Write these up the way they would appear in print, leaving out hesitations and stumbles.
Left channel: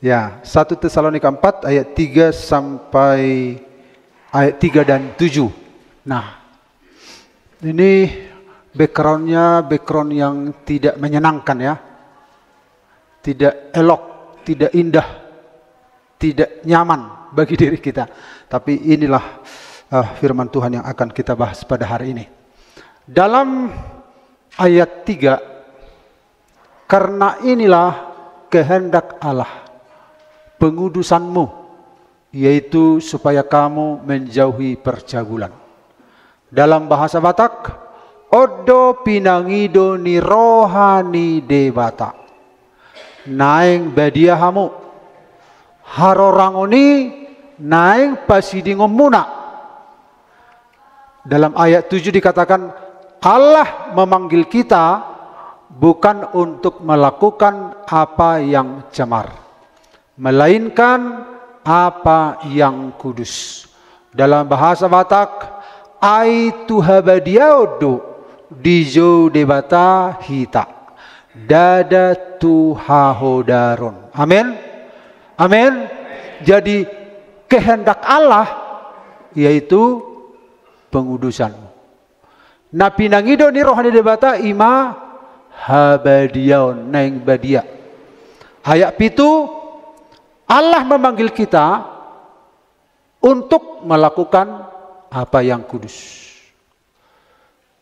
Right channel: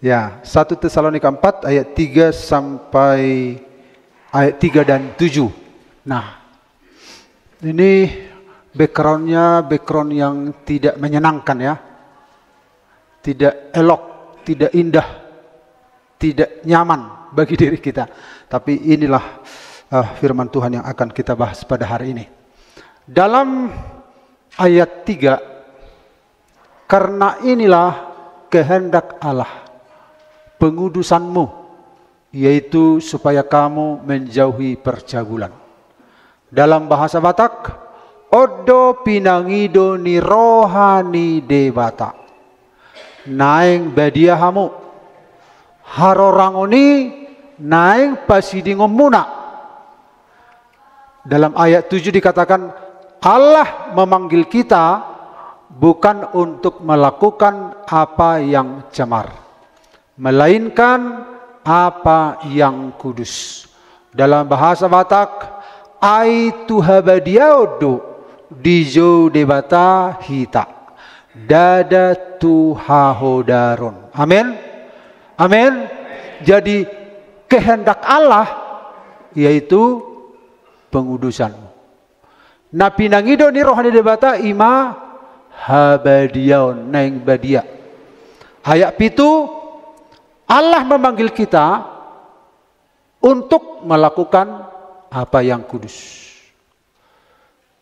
Ya, 1 Tesalonika 4 ayat 3 sampai ayat 3 dan 7. Nah, ini backgroundnya background yang tidak menyenangkan ya. Tidak elok, tidak indah, tidak nyaman bagi diri kita. Tapi inilah firman Tuhan yang akan kita bahas pada hari ini. Dalam ayat 3, karena inilah kehendak Allah, pengudusanmu, yaitu supaya kamu menjauhi percabulan. Dalam bahasa Batak, odo pinangido ni rohani debata. Naing badiahamu, harorangoni naing pasidingo muna. Dalam ayat 7 dikatakan, Allah memanggil kita bukan untuk melakukan apa yang cemar, melainkan apa yang kudus. Dalam bahasa Batak, ai tuhabadiaudu dijo debata hita dada tuhahodarun. Amin. Amin. Jadi kehendak Allah yaitu pengudusan. Na pinangido ni rohani debata ima habadiaun naing badia. Ayat 7, Allah memanggil kita untuk melakukan apa yang kudus.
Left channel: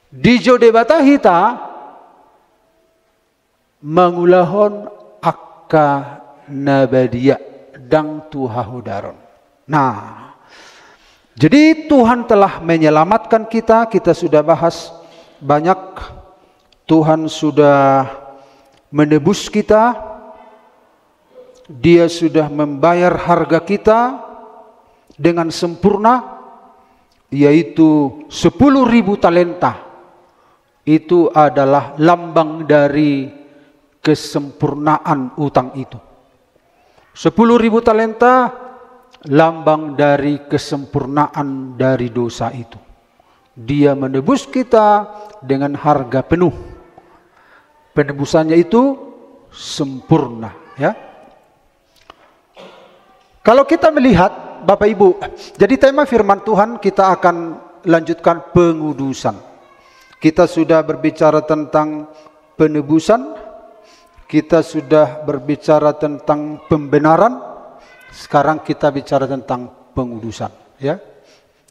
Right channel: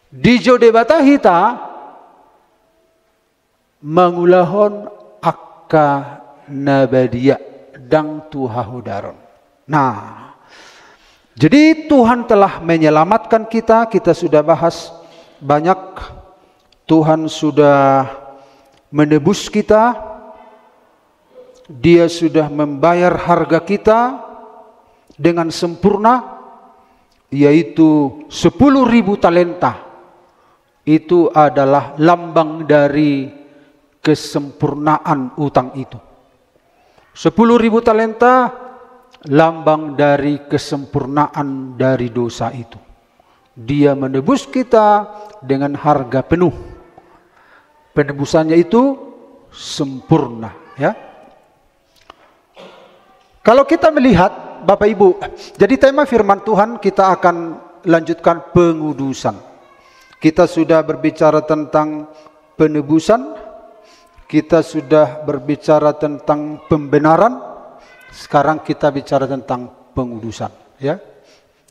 Di jodebata hita mengulahon akka nabadia dang tuhahudaron. Nah, jadi Tuhan telah menyelamatkan kita. Kita sudah bahas banyak. Tuhan sudah menebus kita. Dia sudah membayar harga kita dengan sempurna, yaitu 10.000 talenta. Itu adalah lambang dari kesempurnaan utang itu. 10.000 talenta lambang dari kesempurnaan dari dosa itu. Dia menebus kita dengan harga penuh. Penebusannya itu sempurna, ya. Kalau kita melihat Bapak Ibu, jadi tema firman Tuhan kita akan lanjutkan pengudusan. Kita sudah berbicara tentang penebusan, kita sudah berbicara tentang pembenaran, sekarang kita bicara tentang pengudusan, ya.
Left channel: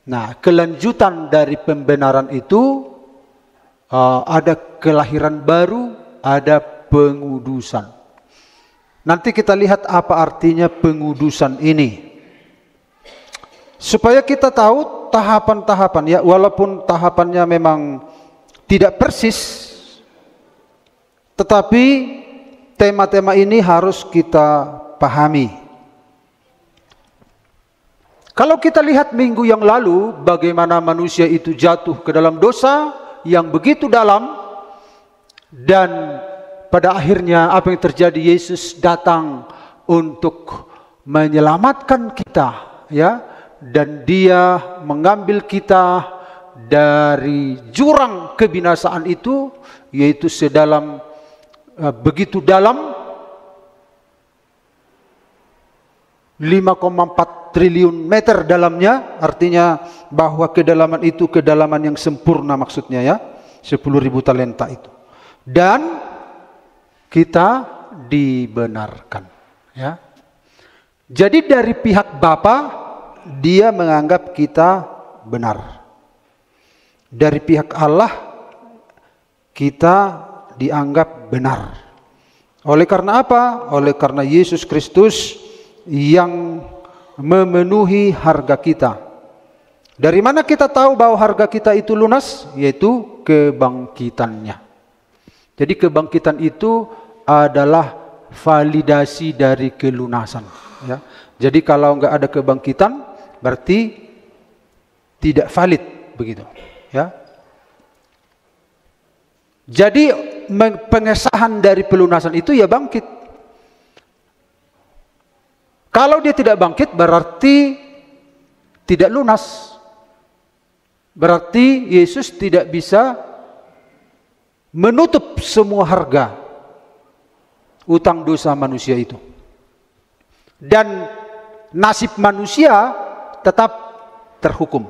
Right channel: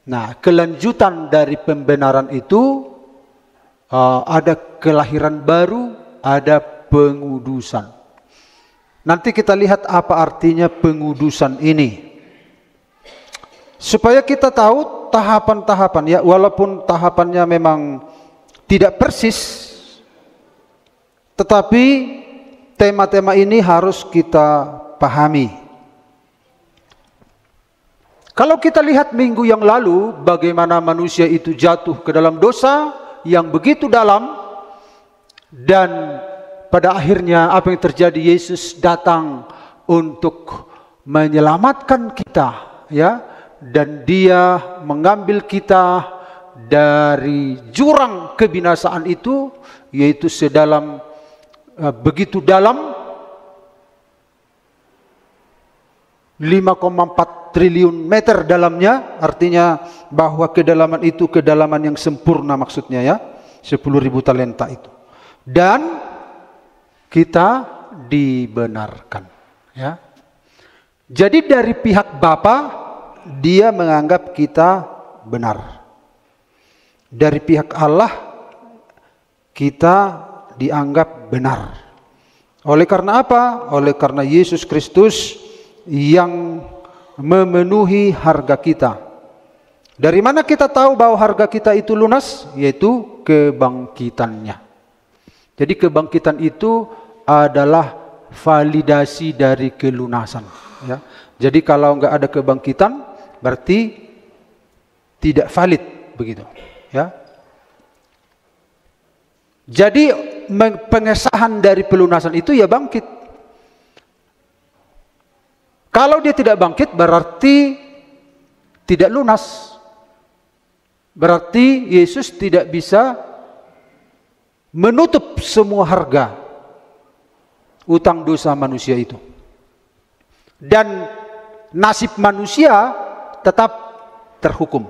Nah, kelanjutan dari pembenaran itu ada kelahiran baru, ada pengudusan. Nanti kita lihat apa artinya pengudusan ini. Supaya kita tahu tahapan-tahapan, ya, walaupun tahapannya memang tidak persis, tetapi tema-tema ini harus kita pahami. Kalau kita lihat minggu yang lalu, bagaimana manusia itu jatuh ke dalam dosa yang begitu dalam, dan pada akhirnya apa yang terjadi, Yesus datang untuk menyelamatkan kita, ya, dan Dia mengambil kita dari jurang kebinasaan itu, yaitu sedalam begitu dalam 5,4 triliun meter dalamnya, artinya bahwa kedalaman itu kedalaman yang sempurna maksudnya, ya, 10.000 talenta itu. Dan kita dibenarkan, ya. Jadi dari pihak Bapa, Dia menganggap kita benar. Dari pihak Allah, kita dianggap benar. Oleh karena apa? Oleh karena Yesus Kristus yang memenuhi harga kita. Dari mana kita tahu bahwa harga kita itu lunas? Yaitu kebangkitannya. Jadi kebangkitan itu adalah validasi dari kelunasan, ya. Jadi kalau nggak ada kebangkitan, berarti tidak valid, begitu, ya. Jadi pengesahan dari pelunasan itu ya bangkit. Kalau dia tidak bangkit berarti tidak lunas. Berarti Yesus tidak bisa menutup semua harga utang dosa manusia itu. Dan nasib manusia tetap terhukum.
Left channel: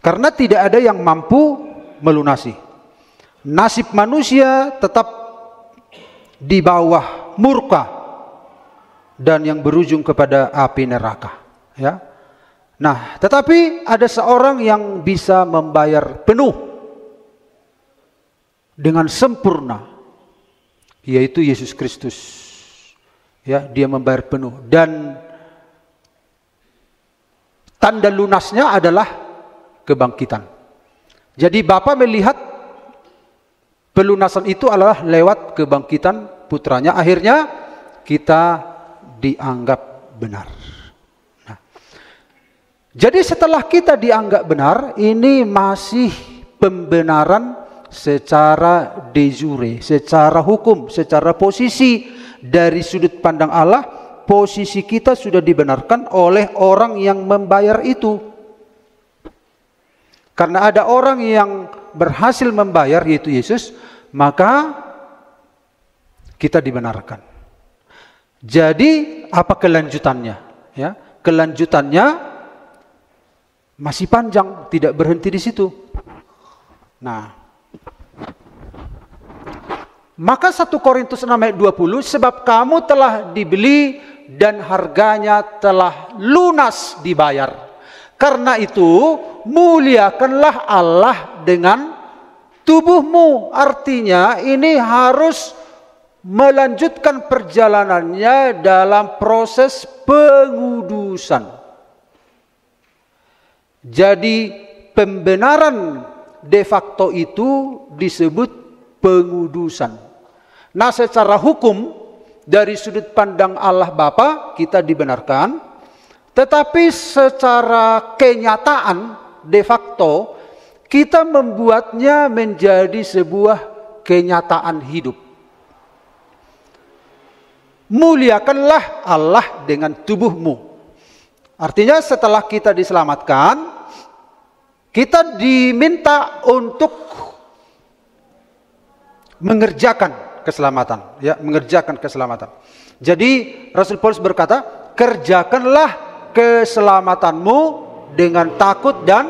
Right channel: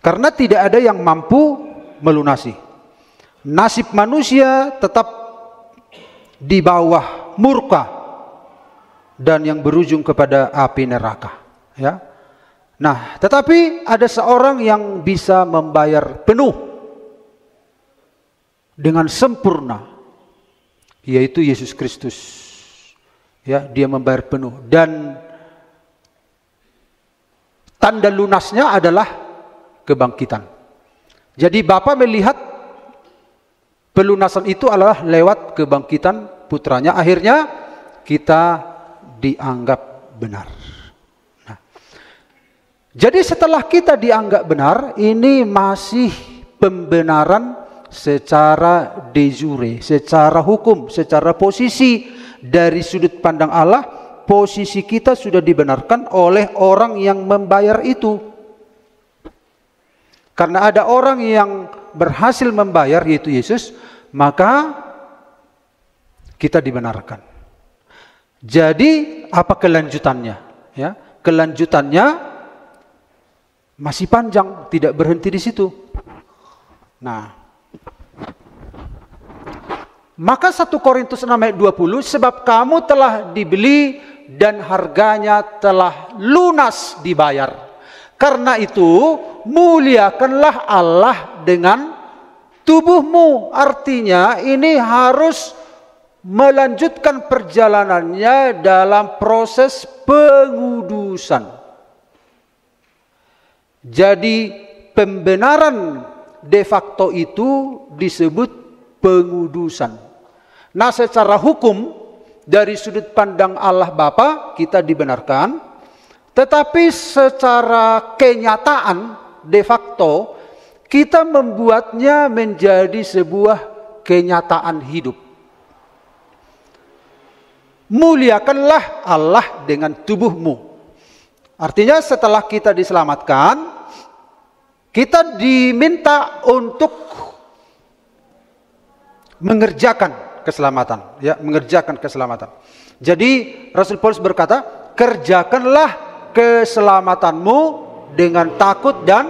Karena tidak ada yang mampu melunasi. Nasib manusia tetap di bawah murka dan yang berujung kepada api neraka. Ya. Nah, tetapi ada seorang yang bisa membayar penuh dengan sempurna, yaitu Yesus Kristus. Ya, dia membayar penuh dan tanda lunasnya adalah kebangkitan. Jadi Bapa melihat pelunasan itu adalah lewat kebangkitan putranya. Akhirnya kita dianggap benar. Nah, jadi setelah kita dianggap benar, ini masih pembenaran secara de jure, secara hukum, secara posisi. Dari sudut pandang Allah, posisi kita sudah dibenarkan oleh orang yang membayar itu. Karena ada orang yang berhasil membayar, yaitu Yesus, maka kita dibenarkan. Jadi apa kelanjutannya? Ya, kelanjutannya masih panjang, tidak berhenti di situ. Nah, maka 1 Korintus 6 ayat 20, sebab kamu telah dibeli dan harganya telah lunas dibayar. Karena itu muliakanlah Allah dengan tubuhmu. Artinya ini harus melanjutkan perjalanannya dalam proses pengudusan. Jadi pembenaran de facto itu disebut pengudusan. Nah, secara hukum dari sudut pandang Allah Bapa kita dibenarkan, tetapi secara kenyataan de facto kita membuatnya menjadi sebuah kenyataan hidup. Muliakanlah Allah dengan tubuhmu. Artinya setelah kita diselamatkan, kita diminta untuk mengerjakan keselamatan, ya, mengerjakan keselamatan. Jadi Rasul Paulus berkata, kerjakanlah keselamatanmu dengan takut dan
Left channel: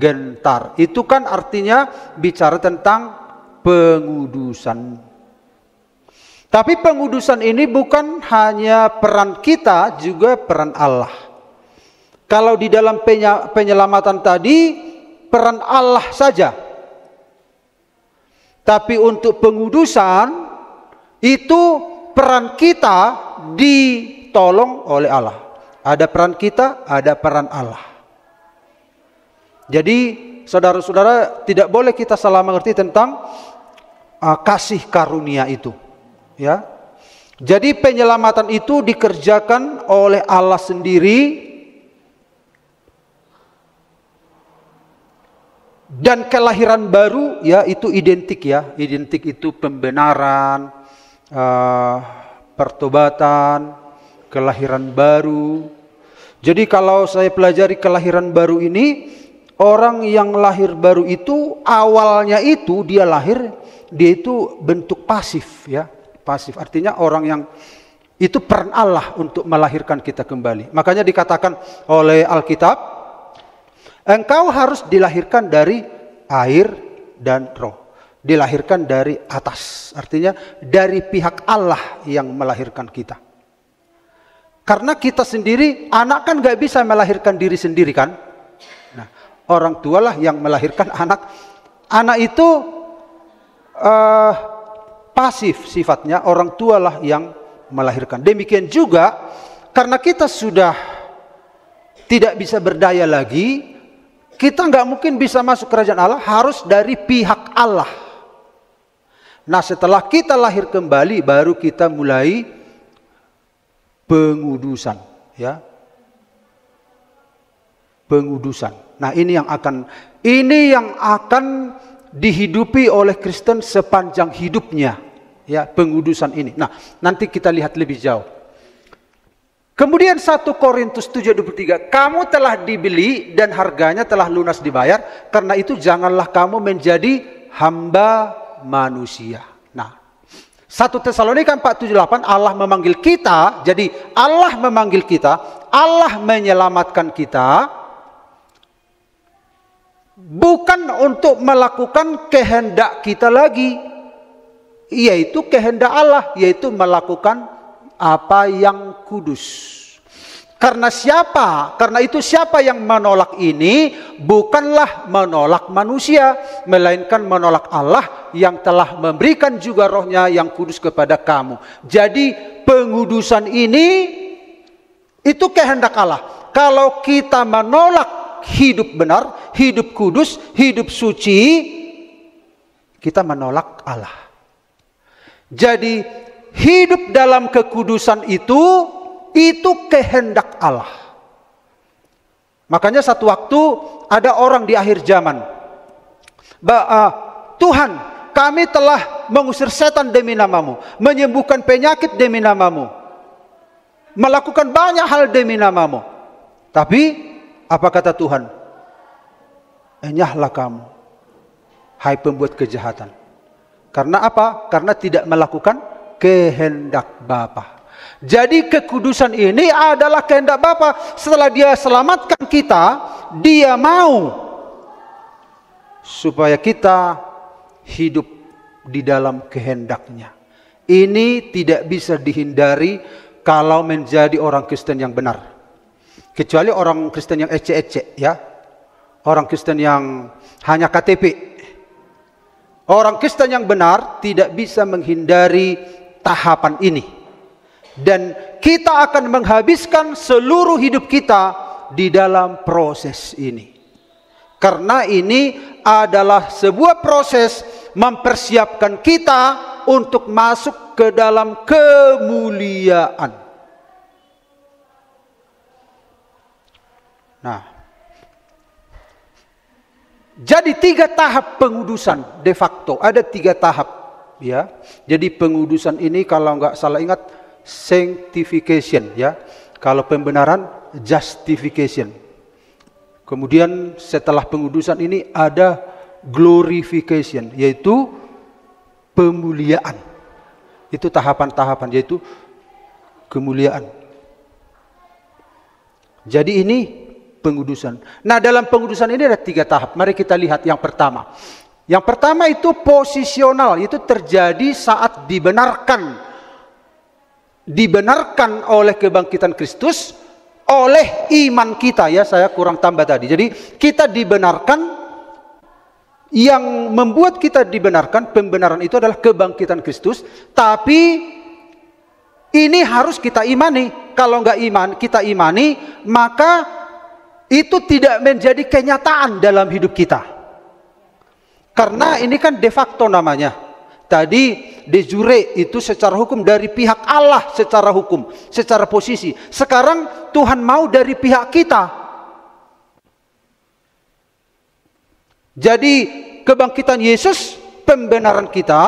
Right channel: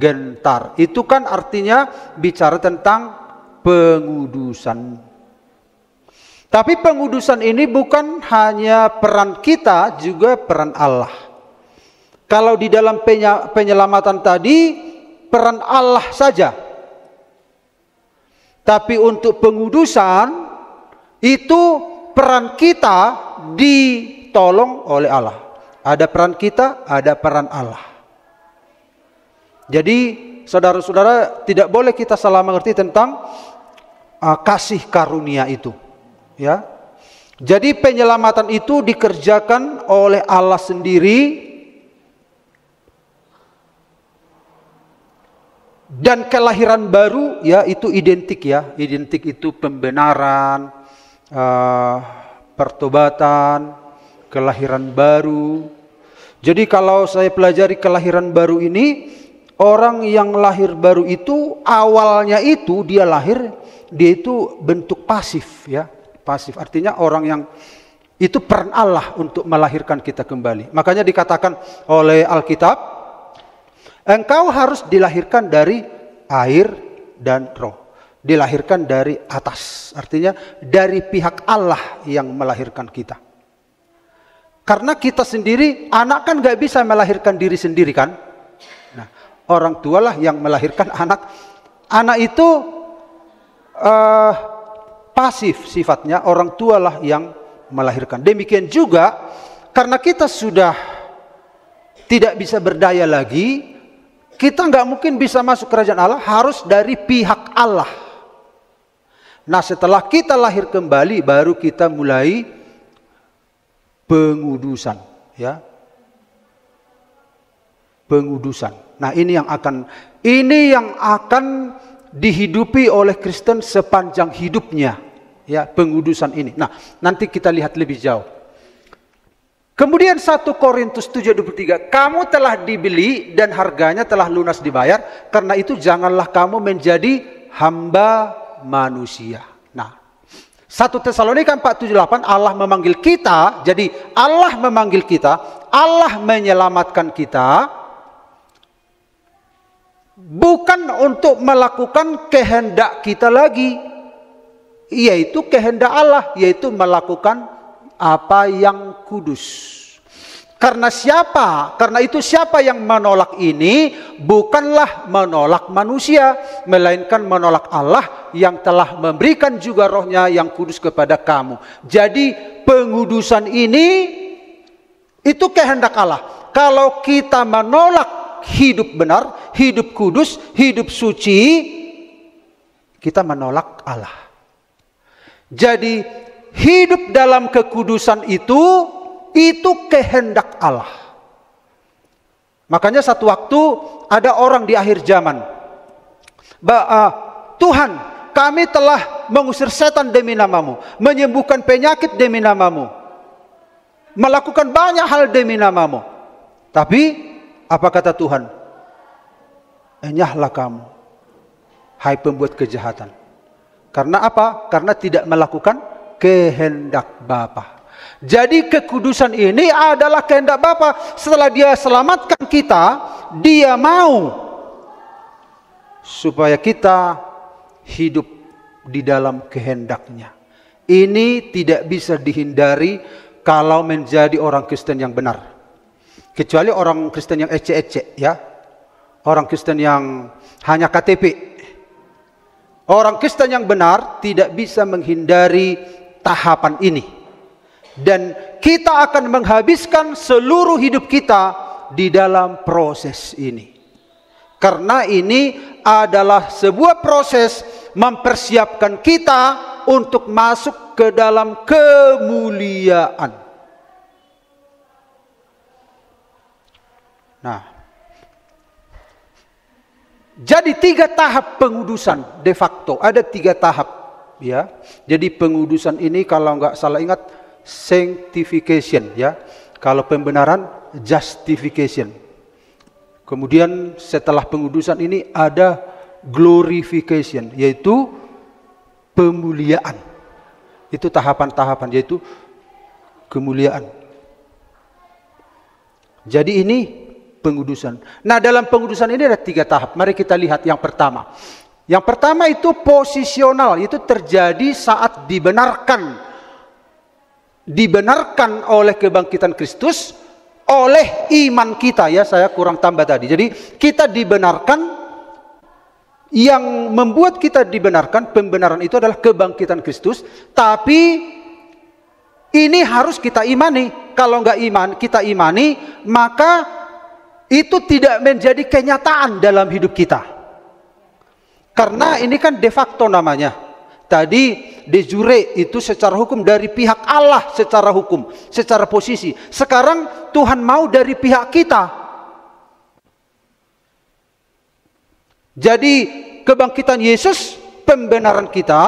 gentar. Itu kan artinya bicara tentang pengudusan. Tapi pengudusan ini bukan hanya peran kita, juga peran Allah. Kalau di dalam penyelamatan tadi, peran Allah saja. Tapi untuk pengudusan, itu peran kita ditolong oleh Allah. Ada peran kita, ada peran Allah. Jadi saudara-saudara, tidak boleh kita salah mengerti tentang kasih karunia itu. Ya. Jadi penyelamatan itu dikerjakan oleh Allah sendiri. Dan kelahiran baru, ya, itu identik, ya. Identik itu pembenaran, pertobatan, kelahiran baru. Jadi kalau saya pelajari kelahiran baru ini, orang yang lahir baru itu awalnya itu dia lahir, dia itu bentuk pasif, ya. Pasif artinya orang yang itu peran Allah untuk melahirkan kita kembali. Makanya dikatakan oleh Alkitab, engkau harus dilahirkan dari air dan roh. Dilahirkan dari atas. Artinya dari pihak Allah yang melahirkan kita. Karena kita sendiri, anak kan gak bisa melahirkan diri sendiri kan. Nah, orang tualah yang melahirkan anak. Anak itu pasif sifatnya, orang tualah yang melahirkan. Demikian juga, karena kita sudah tidak bisa berdaya lagi, kita nggak mungkin bisa masuk kerajaan Allah, harus dari pihak Allah. Nah, setelah kita lahir kembali, baru kita mulai pengudusan, ya. Pengudusan. Nah, ini yang akan dihidupi oleh Kristen sepanjang hidupnya, ya, pengudusan ini. Nah, nanti kita lihat lebih jauh. Kemudian 1 Korintus 7:23, kamu telah dibeli dan harganya telah lunas dibayar, karena itu janganlah kamu menjadi hamba manusia. Nah, 1 Tesalonika 4:7-8, Allah memanggil kita, jadi Allah memanggil kita, Allah menyelamatkan kita, bukan untuk melakukan kehendak kita lagi, yaitu kehendak Allah, yaitu melakukan apa yang kudus. Karena itu siapa yang menolak ini bukanlah menolak manusia, melainkan menolak Allah yang telah memberikan juga rohnya yang kudus kepada kamu. Jadi pengudusan ini itu kehendak Allah. Kalau kita menolak hidup benar, hidup kudus, hidup suci, kita menolak Allah. Jadi hidup dalam kekudusan itu kehendak Allah. Makanya satu waktu ada orang di akhir zaman, Tuhan, kami telah mengusir setan demi namamu, menyembuhkan penyakit demi namamu, melakukan banyak hal demi namamu. Tapi apa kata Tuhan? Enyahlah kamu, hai pembuat kejahatan. Karena apa? Karena tidak melakukan kehendak Bapa. Jadi kekudusan ini adalah kehendak Bapa. Setelah Dia selamatkan kita, Dia mau supaya kita hidup di dalam kehendak-Nya. Ini tidak bisa dihindari kalau menjadi orang Kristen yang benar. Kecuali orang Kristen yang ecek-ecek, ya. Orang Kristen yang hanya KTP. Orang Kristen yang benar tidak bisa menghindari tahapan ini. Dan kita akan menghabiskan seluruh hidup kita di dalam proses ini. Karena ini adalah sebuah proses mempersiapkan kita untuk masuk ke dalam kemuliaan. Nah, jadi 3 tahap pengudusan de facto. Ada 3 tahap, ya. Jadi pengudusan ini kalau nggak salah ingat, sanctification, ya. Kalau pembenaran, justification. Kemudian setelah pengudusan ini ada glorification, yaitu pemuliaan. Itu tahapan-tahapan, yaitu kemuliaan. Jadi ini pengudusan. Nah, dalam pengudusan ini ada 3 tahap. Mari kita lihat yang pertama. Yang pertama itu posisional, itu terjadi saat dibenarkan oleh kebangkitan Kristus, oleh iman kita, ya. Saya kurang tambah tadi. Jadi kita dibenarkan, yang membuat kita dibenarkan, pembenaran itu adalah kebangkitan Kristus. Tapi ini harus kita imani. Kalau nggak kita imani, maka itu tidak menjadi kenyataan dalam hidup kita. Karena ini kan de facto namanya. Tadi de jure itu secara hukum dari pihak Allah, secara hukum, secara posisi. Sekarang Tuhan mau dari pihak kita. Jadi kebangkitan Yesus, pembenaran kita,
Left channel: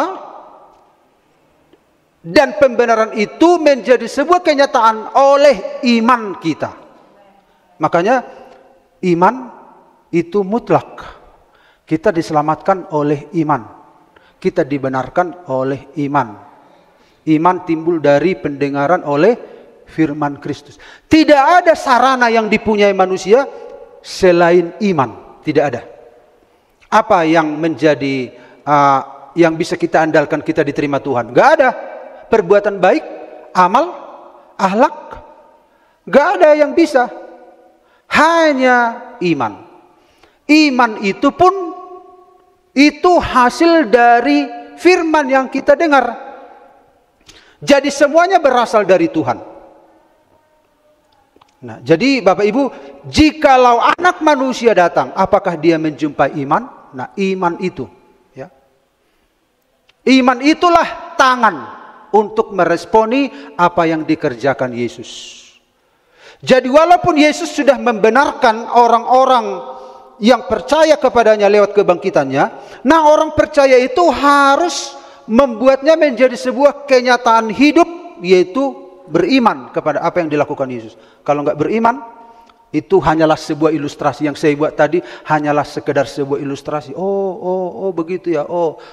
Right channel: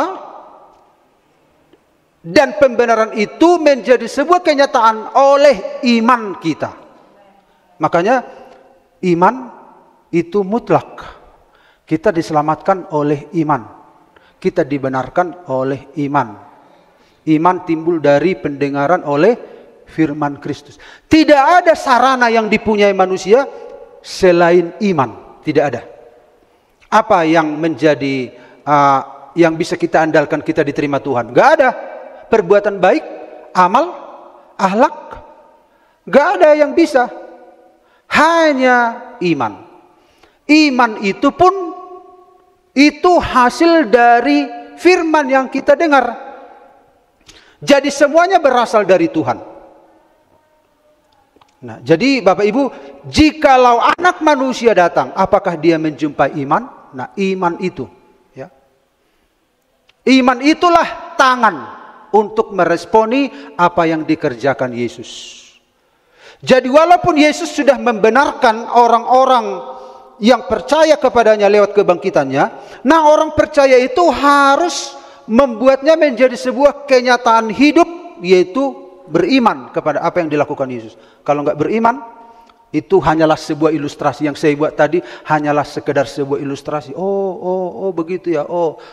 dan pembenaran itu menjadi sebuah kenyataan oleh iman kita. Makanya iman itu mutlak. Kita diselamatkan oleh iman. Kita dibenarkan oleh iman. Iman timbul dari pendengaran oleh firman Kristus. Tidak ada sarana yang dipunyai manusia selain iman. Tidak ada. Apa yang menjadi yang bisa kita andalkan kita diterima Tuhan? Gak ada. Perbuatan baik, amal, akhlak, gak ada yang bisa. Hanya iman. Iman itu pun itu hasil dari firman yang kita dengar. Jadi semuanya berasal dari Tuhan. Nah, jadi Bapak Ibu, jikalau anak manusia datang, apakah dia menjumpai iman? Nah, iman itu, ya. Iman itulah tangan untuk meresponi apa yang dikerjakan Yesus. Jadi walaupun Yesus sudah membenarkan orang-orang yang percaya kepadanya lewat kebangkitannya, nah orang percaya itu harus membuatnya menjadi sebuah kenyataan hidup, yaitu beriman kepada apa yang dilakukan Yesus. Kalau nggak beriman, itu hanyalah sebuah ilustrasi. Yang saya buat tadi hanyalah sekedar sebuah ilustrasi. Oh begitu ya.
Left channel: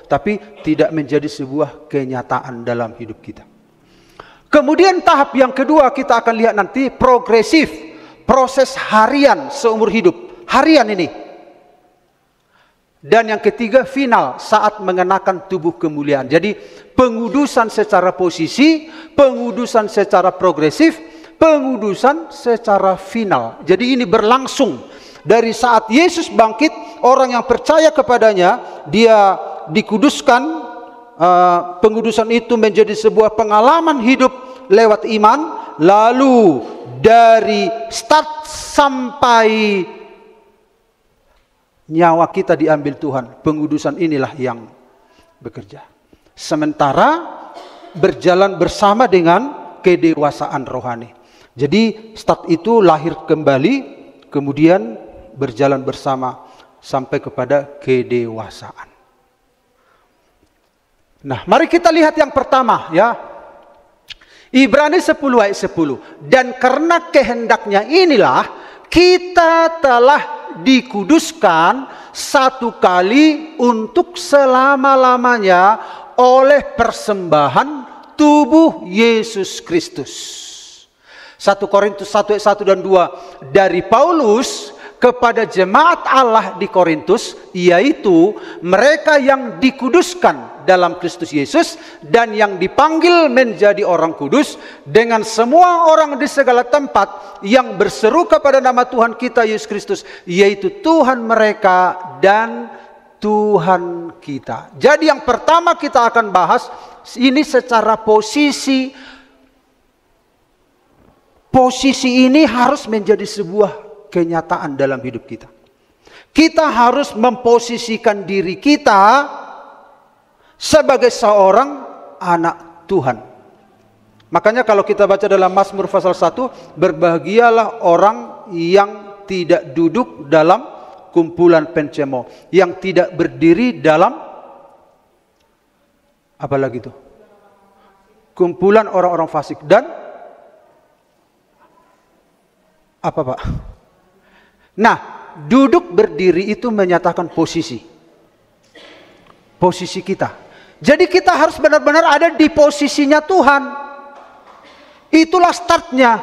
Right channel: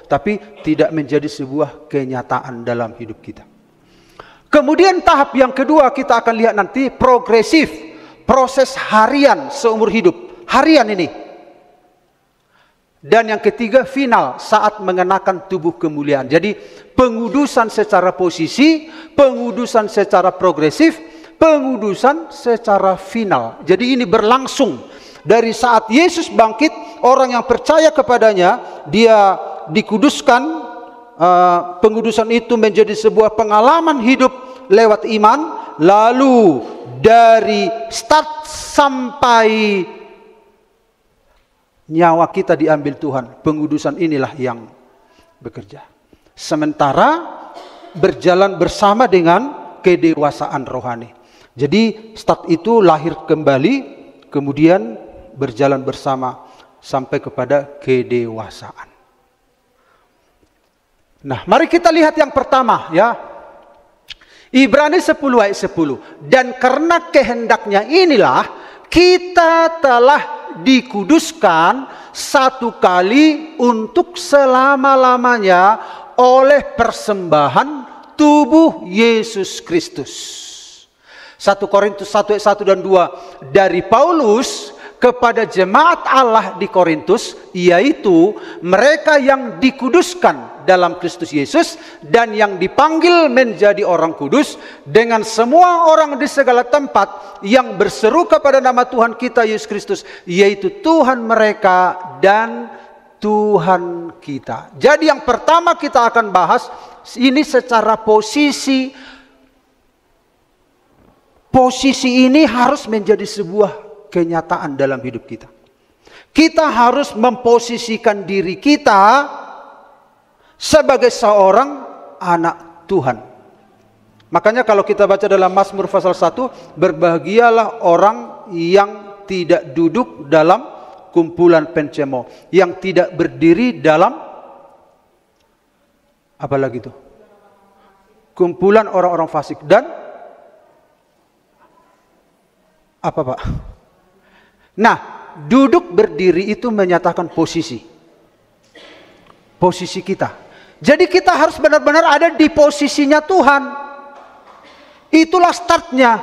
Tapi tidak menjadi sebuah kenyataan dalam hidup kita. Kemudian tahap yang kedua kita akan lihat nanti progresif. Proses harian seumur hidup. Harian ini. Dan yang ketiga final saat mengenakan tubuh kemuliaan. Jadi pengudusan secara posisi, pengudusan secara progresif, pengudusan secara final. Jadi ini berlangsung dari saat Yesus bangkit, orang yang percaya kepadanya, dia dikuduskan. Pengudusan itu menjadi sebuah pengalaman hidup lewat iman. Lalu dari start sampai nyawa kita diambil Tuhan, pengudusan inilah yang bekerja. Sementara berjalan bersama dengan kedewasaan rohani. Jadi start itu lahir kembali, kemudian berjalan bersama sampai kepada kedewasaan. Nah, mari kita lihat yang pertama ya. Ibrani 10 ayat 10. Dan karena kehendaknya inilah kita telah dikuduskan satu kali untuk selama-lamanya oleh persembahan tubuh Yesus Kristus. 1 Korintus 1 ayat 1 dan 2 dari Paulus kepada jemaat Allah di Korintus, yaitu mereka yang dikuduskan dalam Kristus Yesus dan yang dipanggil menjadi orang kudus, dengan semua orang di segala tempat yang berseru kepada nama Tuhan kita Yesus Kristus, yaitu Tuhan mereka dan Tuhan kita. Jadi yang pertama kita akan bahas ini secara posisi. Posisi ini harus menjadi sebuah kenyataan dalam hidup kita. Kita harus memposisikan diri kita sebagai seorang anak Tuhan. Makanya kalau kita baca dalam Mazmur pasal 1, berbahagialah orang yang tidak duduk dalam kumpulan pencemooh, yang tidak berdiri dalam apa lagi itu? Kumpulan orang-orang fasik dan apa Pak? Nah, duduk berdiri itu menyatakan posisi. Posisi kita. Jadi kita harus benar-benar ada di posisinya Tuhan. Itulah startnya.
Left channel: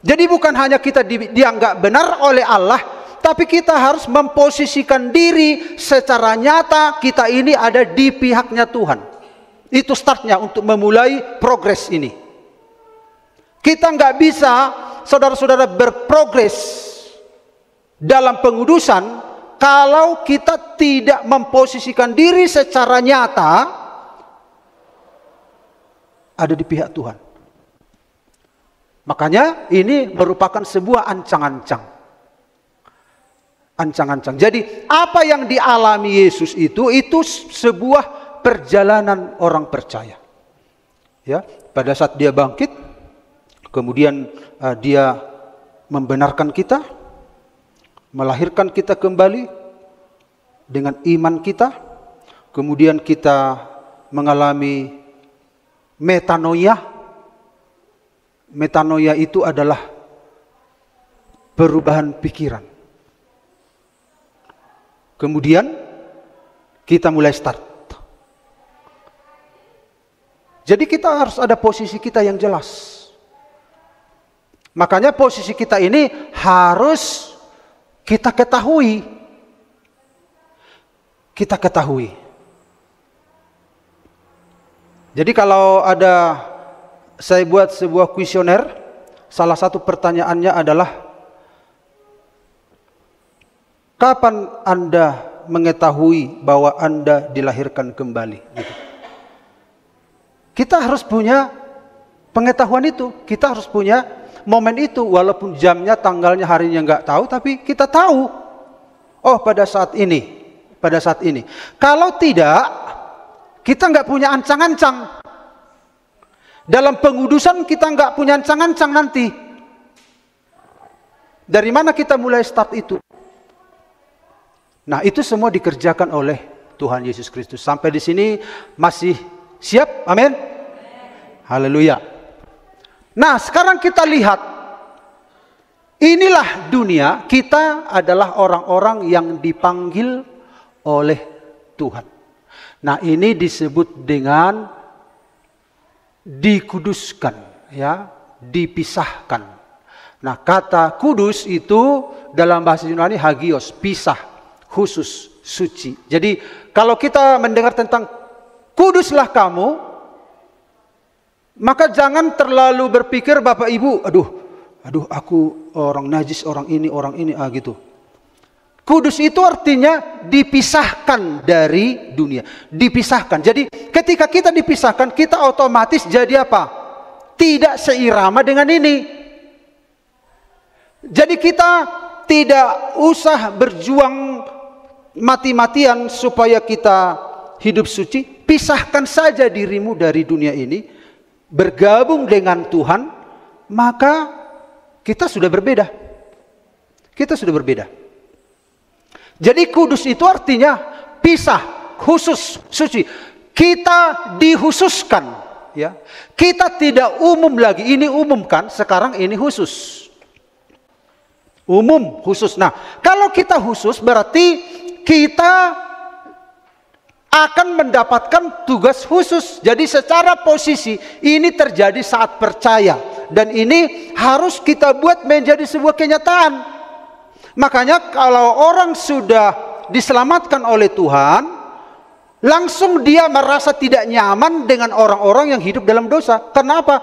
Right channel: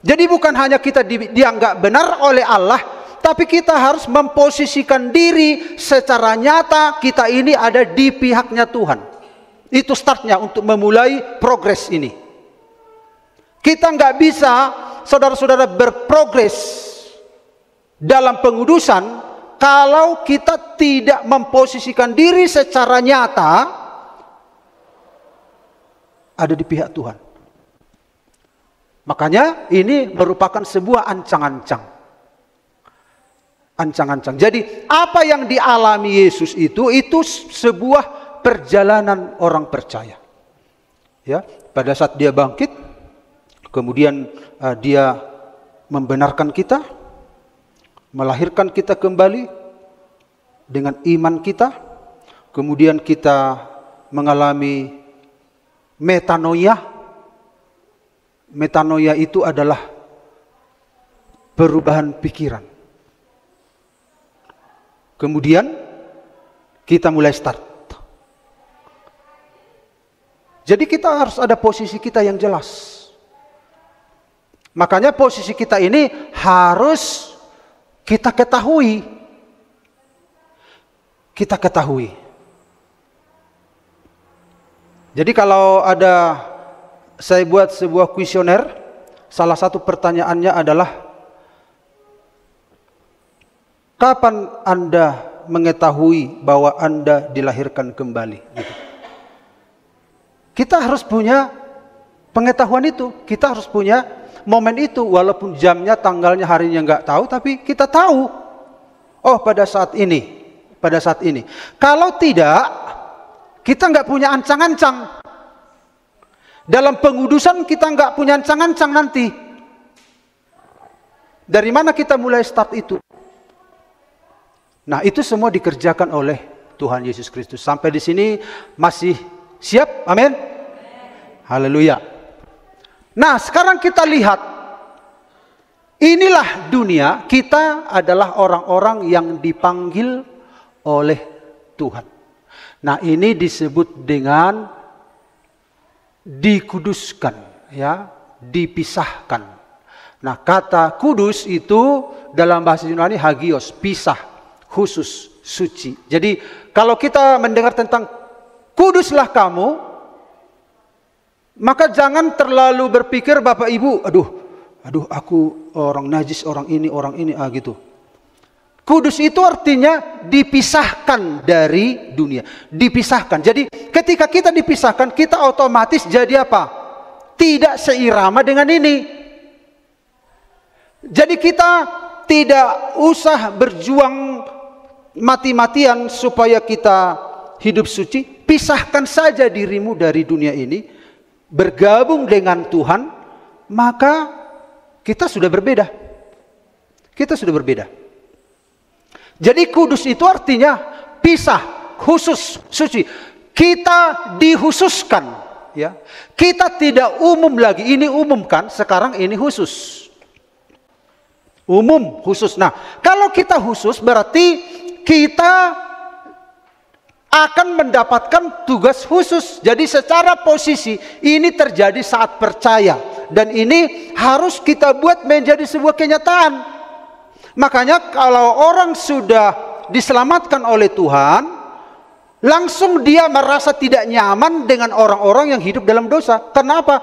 Jadi bukan hanya kita dianggap benar oleh Allah, tapi kita harus memposisikan diri secara nyata kita ini ada di pihaknya Tuhan. Itu startnya untuk memulai progres ini. Kita nggak bisa saudara-saudara berprogres dalam pengudusan kalau kita tidak memposisikan diri secara nyata ada di pihak Tuhan. Makanya ini merupakan sebuah ancang-ancang. Ancang-ancang. Jadi apa yang dialami Yesus itu sebuah perjalanan orang percaya. Ya, pada saat dia bangkit, kemudian dia membenarkan kita, melahirkan kita kembali dengan iman kita. Kemudian kita mengalami metanoia. Metanoia itu adalah perubahan pikiran. Kemudian kita mulai start. Jadi kita harus ada posisi kita yang jelas. Makanya posisi kita ini harus kita ketahui. Kita ketahui. Jadi kalau ada, saya buat sebuah kuesioner, salah satu pertanyaannya adalah, kapan Anda mengetahui bahwa Anda dilahirkan kembali? Kita harus punya pengetahuan itu. Kita harus punya momen itu, walaupun jamnya, tanggalnya, harinya nggak tahu, tapi kita tahu. Oh, pada saat ini, pada saat ini. Kalau tidak, kita nggak punya ancang-ancang. Dalam pengudusan kita nggak punya ancang-ancang nanti. Dari mana kita mulai start itu? Nah, itu semua dikerjakan oleh Tuhan Yesus Kristus. Sampai di sini masih siap? Amin. Haleluya. Nah, sekarang kita lihat, inilah dunia, kita adalah orang-orang yang dipanggil oleh Tuhan. Nah, ini disebut dengan dikuduskan, ya, dipisahkan. Nah, kata kudus itu dalam bahasa Yunani hagios, pisah, khusus, suci. Jadi kalau kita mendengar tentang kuduslah kamu, maka jangan terlalu berpikir Bapak Ibu, aduh aku orang najis, orang ini gitu. Kudus itu artinya dipisahkan dari dunia, dipisahkan. Jadi ketika kita dipisahkan, kita otomatis jadi apa? Tidak seirama dengan ini. Jadi kita tidak usah berjuang mati-matian supaya kita hidup suci. Pisahkan saja dirimu dari dunia ini, bergabung dengan Tuhan, maka kita sudah berbeda. Kita sudah berbeda. Jadi kudus itu artinya pisah, khusus, suci. Kita dikhususkan, ya. Kita tidak umum lagi. Ini umum kan, sekarang ini khusus. Umum, khusus. Nah, kalau kita khusus berarti kita akan mendapatkan tugas khusus. Jadi secara posisi ini terjadi saat percaya. Dan ini harus kita buat menjadi sebuah kenyataan. Makanya kalau orang sudah diselamatkan oleh Tuhan, langsung dia merasa tidak nyaman dengan orang-orang yang hidup dalam dosa. Kenapa?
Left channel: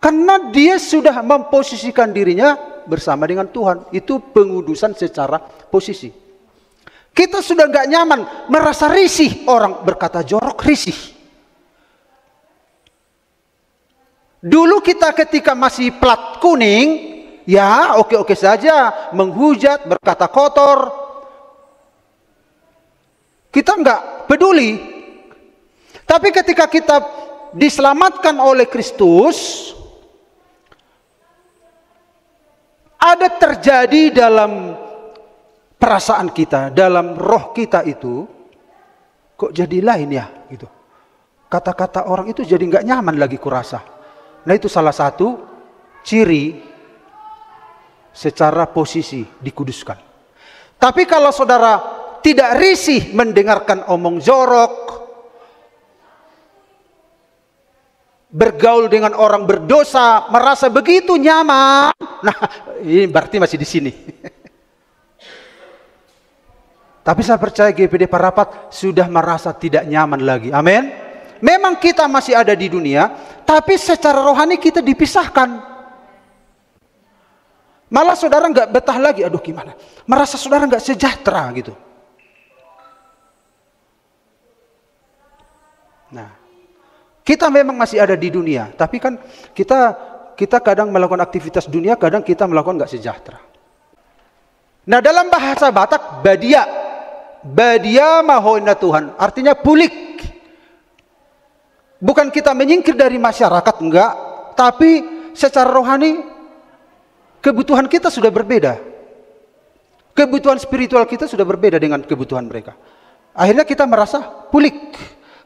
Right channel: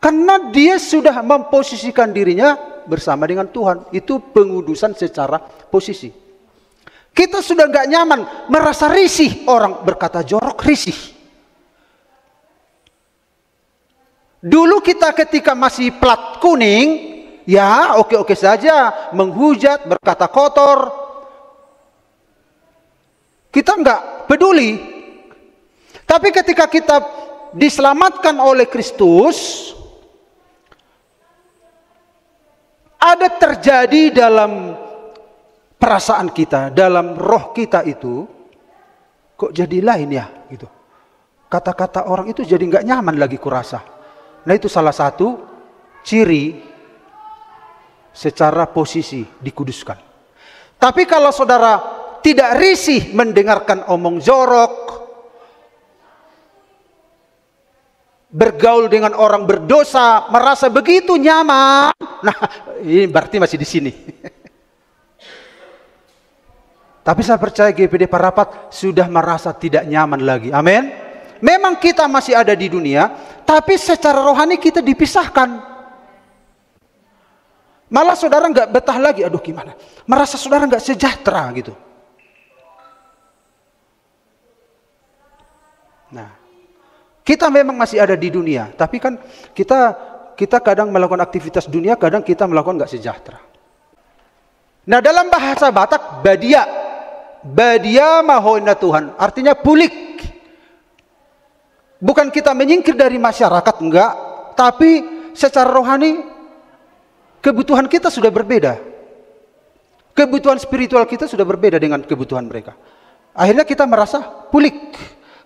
Karena dia sudah memposisikan dirinya bersama dengan Tuhan. Itu pengudusan secara posisi. Kita sudah gak nyaman, merasa risih. Orang berkata jorok, risih. Dulu kita ketika masih plat kuning, ya oke-oke saja, menghujat, berkata kotor. Kita gak peduli. Tapi ketika kita diselamatkan oleh Kristus, ada terjadi dalam perasaan kita, dalam roh kita itu, kok jadi lain ya? Gitu. Kata-kata orang itu jadi nggak nyaman lagi kurasa. Nah, itu salah satu ciri secara posisi dikuduskan. Tapi kalau saudara tidak risih mendengarkan omong jorok, bergaul dengan orang berdosa, merasa begitu nyaman, nah ini berarti masih di sini. Tapi saya percaya GPD Parapat sudah merasa tidak nyaman lagi. Amin. Memang kita masih ada di dunia, tapi secara rohani kita dipisahkan. Malah saudara nggak betah lagi. Aduh gimana? Merasa saudara nggak sejahtera gitu. Nah, kita memang masih ada di dunia, tapi kan kita kadang melakukan aktivitas dunia, kadang kita melakukan nggak sejahtera. Nah, dalam bahasa Batak, Badia mahoina Tuhan, artinya pulik. Bukan kita menyingkir dari masyarakat, enggak. Tapi secara rohani, kebutuhan kita sudah berbeda. Kebutuhan spiritual kita sudah berbeda dengan kebutuhan mereka. Akhirnya kita merasa pulik.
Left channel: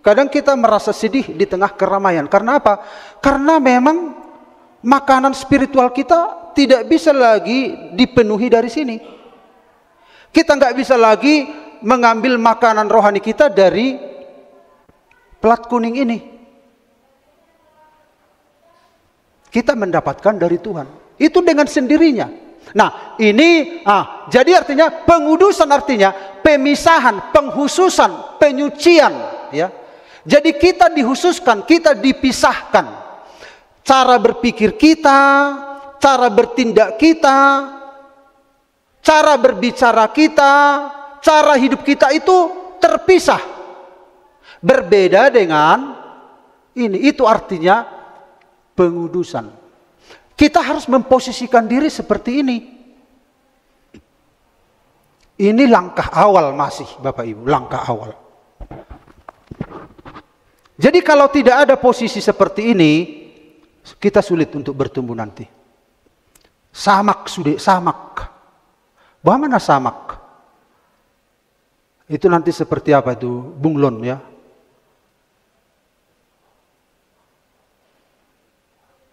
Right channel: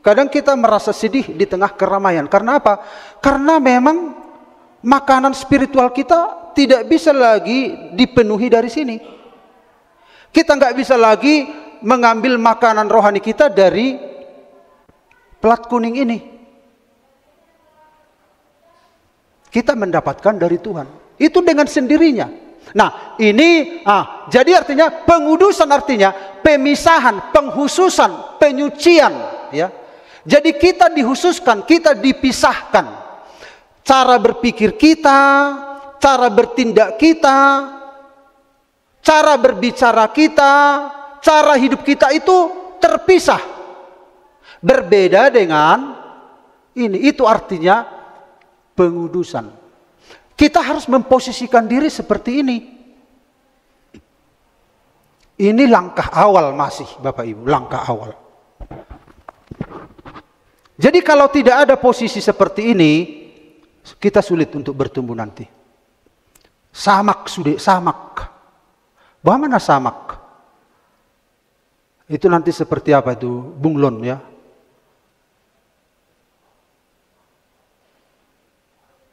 Kadang kita merasa sedih di tengah keramaian. Karena apa? Karena memang makanan spiritual kita tidak bisa lagi dipenuhi dari sini. Kita nggak bisa lagi mengambil makanan rohani kita dari plat kuning ini. Kita mendapatkan dari Tuhan. Itu dengan sendirinya. Nah, ini jadi artinya pengudusan, artinya pemisahan, penghususan, penyucian. Jadi kita dikhususkan, kita dipisahkan. Cara berpikir kita, cara bertindak kita, cara berbicara kita, cara hidup kita itu terpisah. Berbeda dengan ini. Itu artinya pengudusan. Kita harus memposisikan diri seperti ini. Ini langkah awal masih, Bapak Ibu. Langkah awal. Jadi kalau tidak ada posisi seperti ini, kita sulit untuk bertumbuh nanti. Samak sudah, samak. Bagaimana samak? Itu nanti seperti apa itu? Bunglon ya.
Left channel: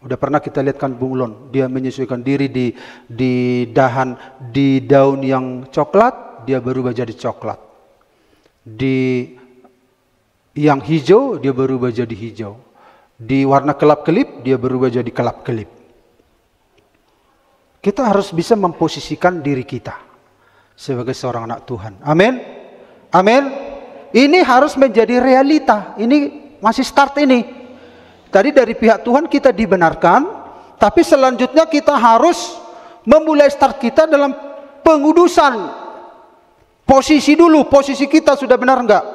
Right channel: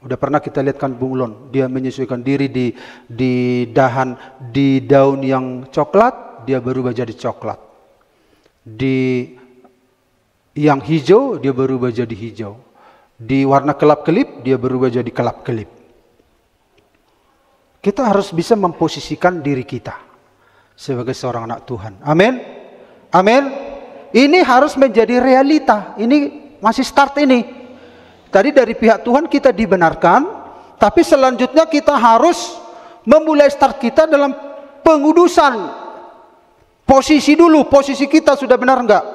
Udah pernah kita lihatkan bunglon. Dia menyesuaikan diri di daun yang coklat, dia berubah jadi coklat. Di Yang hijau dia berubah jadi hijau. Di warna kelap-kelip dia berubah jadi kelap-kelip. Kita harus bisa memposisikan diri kita sebagai seorang anak Tuhan. Amin. Amin. Ini harus menjadi realita. Ini masih start ini. Tadi dari pihak Tuhan kita dibenarkan, tapi selanjutnya kita harus memulai start kita dalam pengudusan. Posisi dulu, posisi kita sudah benar enggak?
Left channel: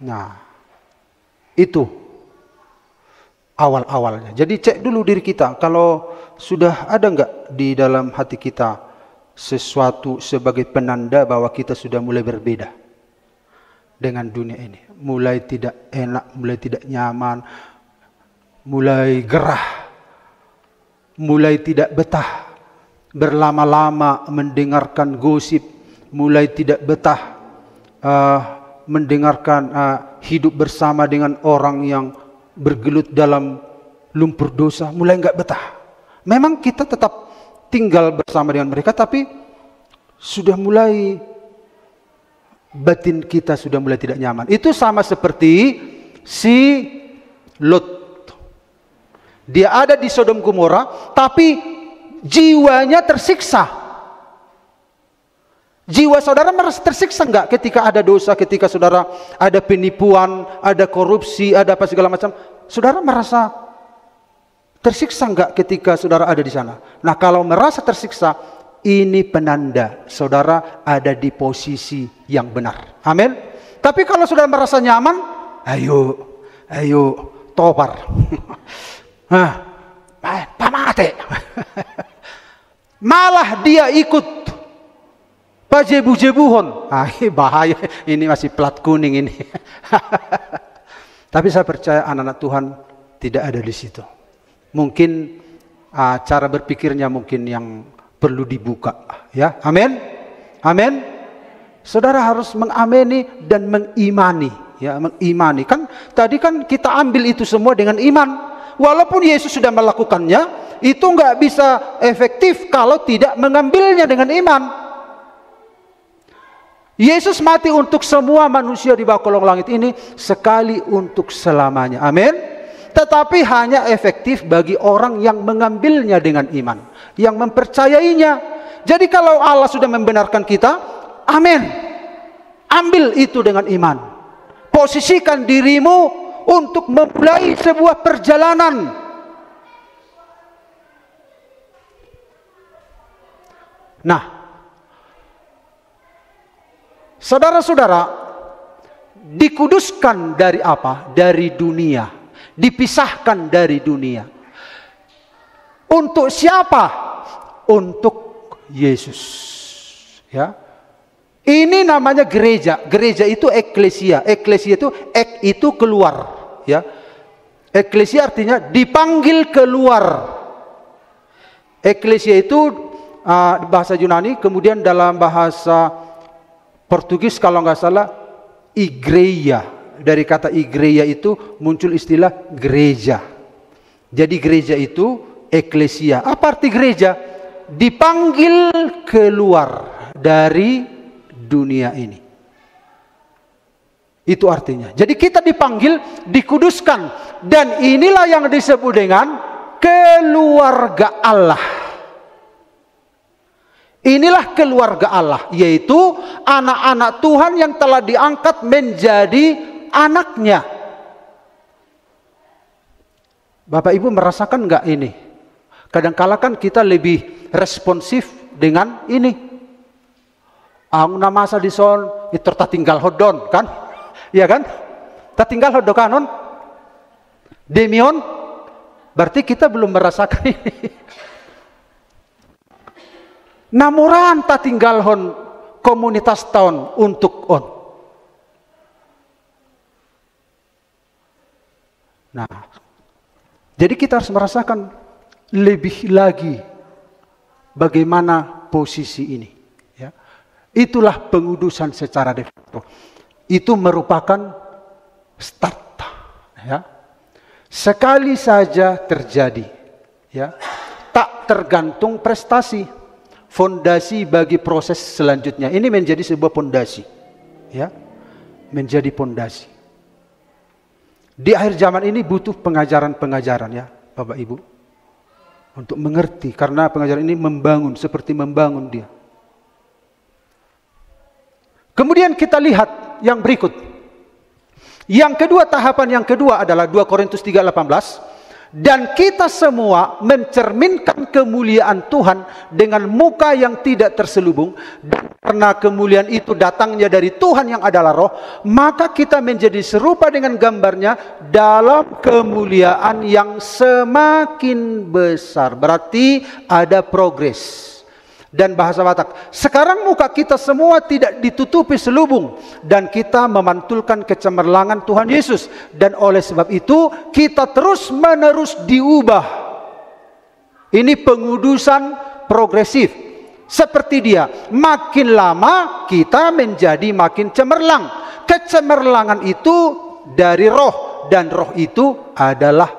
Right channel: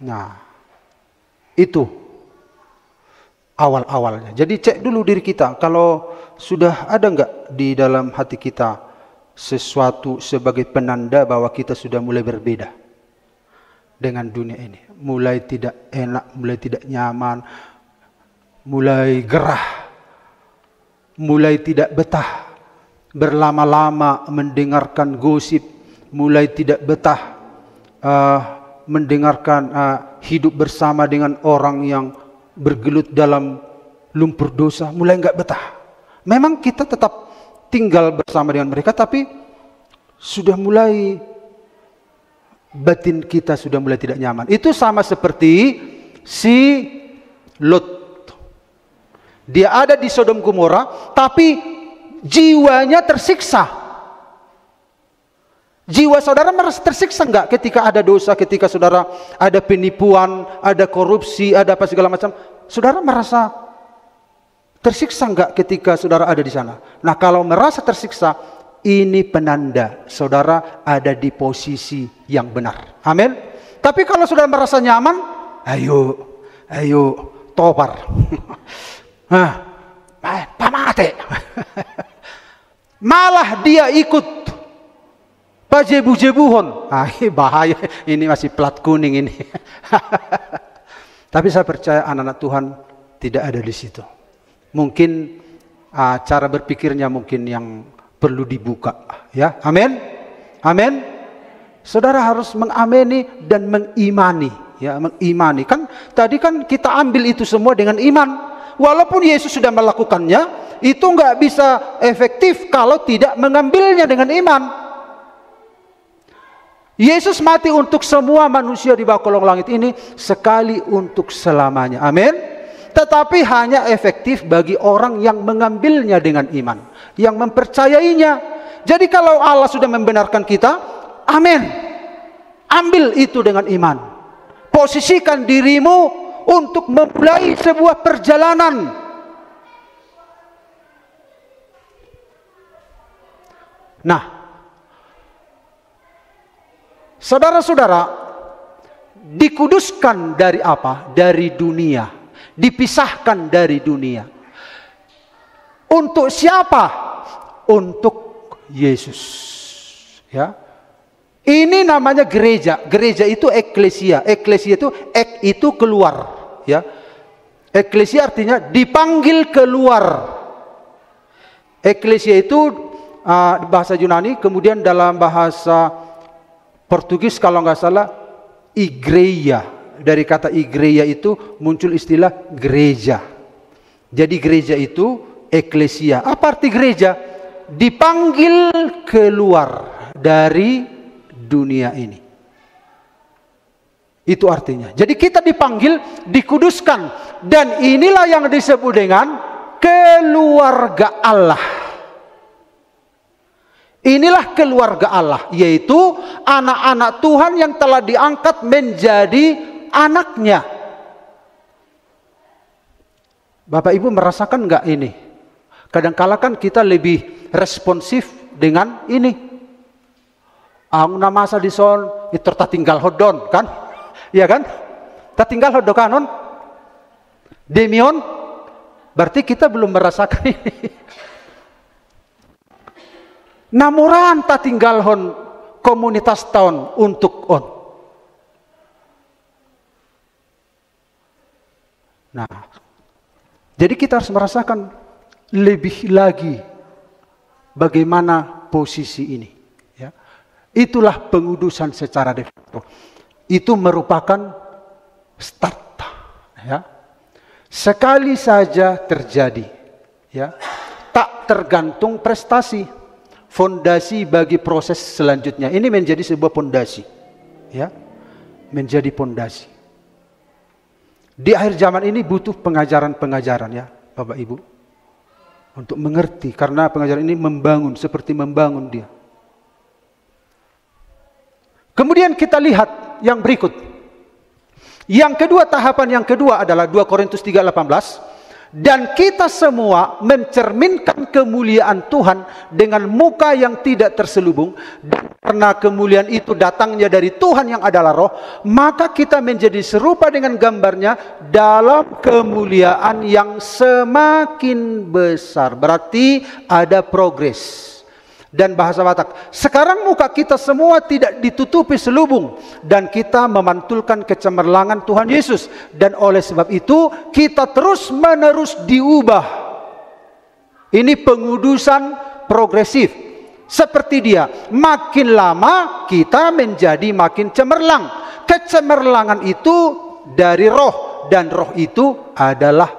Nah, itu awal-awalnya. Jadi cek dulu diri kita, kalau sudah ada enggak di dalam hati kita sesuatu sebagai penanda bahwa kita sudah mulai berbeda dengan dunia ini. Mulai tidak enak, mulai tidak nyaman, mulai gerah, mulai tidak betah, berlama-lama mendengarkan gosip, mulai tidak betah mendengarkan hidup bersama dengan orang yang bergelut dalam lumpur dosa, mulai enggak betah. Memang kita tetap tinggal bersama dengan mereka, tapi sudah mulai batin kita sudah mulai tidak nyaman. Itu sama seperti si Lot. Dia ada di Sodom Gomora, tapi jiwanya tersiksa. Jiwa saudara merasa tersiksa enggak ketika ada dosa, ketika saudara ada penipuan, ada korupsi, ada apa segala macam? Saudara merasa tersiksa enggak ketika saudara ada di sana? Nah, kalau merasa tersiksa, ini penanda saudara ada di posisi yang benar. Amin. Tapi kalau saudara merasa nyaman, ayo tobar. Pamate. Malah dia ikut pajebu-jebuhon. Bahaya. Ini masih plat kuning ini. Tapi saya percaya anak-anak Tuhan tidak ada di situ. Mungkin cara berpikirnya mungkin yang perlu dibuka. Ya, amin. Amin. Saudara harus mengamini dan mengimani. Ya, mengimani. Kan tadi kan kita ambil itu semua dengan iman. Walaupun Yesus sudah melakukannya, itu nggak bisa efektif kalau tidak mengambilnya dengan iman. Yesus mati untuk semua manusia di bawah kolong langit ini sekali untuk selamanya. Amin. Tetapi hanya efektif bagi orang yang mengambilnya dengan iman, yang mempercayainya. Jadi kalau Allah sudah membenarkan kita, amin. Ambil itu dengan iman. Posisikan dirimu untuk memulai sebuah perjalanan. Nah, saudara-saudara, dikuduskan dari apa? Dari dunia. Dipisahkan dari dunia. Untuk siapa? Untuk Yesus. Ya. Ini namanya gereja. Gereja itu eklesia. Eklesia itu itu keluar. Ya. Eklesia artinya dipanggil keluar. Eklesia itu bahasa Yunani, kemudian dalam bahasa Portugis kalau nggak salah igreja. Dari kata igreja itu muncul istilah gereja. Jadi gereja itu eklesia. Apa arti gereja? Dipanggil keluar dari dunia ini. Itu artinya. Jadi kita dipanggil, dikuduskan. Dan inilah yang disebut dengan keluarga Allah. Inilah keluarga Allah, yaitu anak-anak Tuhan yang telah diangkat menjadi anaknya. Bapak Ibu merasakan enggak ini? Kadang-kala kan kita lebih responsif dengan ini. Nama sadison itu tinggal hodon kan? Iya kan? Tinggal hodon kanon. Demion berarti kita belum merasakan ini. Namuran tak tinggal hon komunitas tahun untuk on. Nah, jadi kita harus merasakan lebih lagi bagaimana posisi ini. Ya. Itulah pengudusan secara de facto. Itu merupakan start. Ya. Sekali saja terjadi, ya, tak tergantung prestasi. Fondasi bagi proses selanjutnya. Ini menjadi sebuah fondasi. ya, menjadi pondasi. Di akhir zaman ini butuh pengajaran-pengajaran ya, Bapak Ibu, untuk mengerti, karena pengajaran ini membangun, seperti membangun dia. Kemudian kita lihat yang berikut. Yang kedua, tahapan yang kedua adalah 2 Korintus 3:18. Dan kita semua mencerminkan kemuliaan Tuhan dengan muka yang tidak terselubung. Dan karena kemuliaan itu datangnya dari Tuhan yang adalah roh, maka kita menjadi serupa dengan gambarnya dalam kemuliaan yang semakin besar. Berarti ada progres. Dan bahasa Batak, sekarang muka kita semua tidak ditutupi selubung, dan kita memantulkan kecemerlangan Tuhan Yesus. Dan oleh sebab itu kita terus menerus diubah. Ini pengudusan progresif. Seperti dia, makin lama kita menjadi makin cemerlang. Kecemerlangan itu dari roh, dan roh itu adalah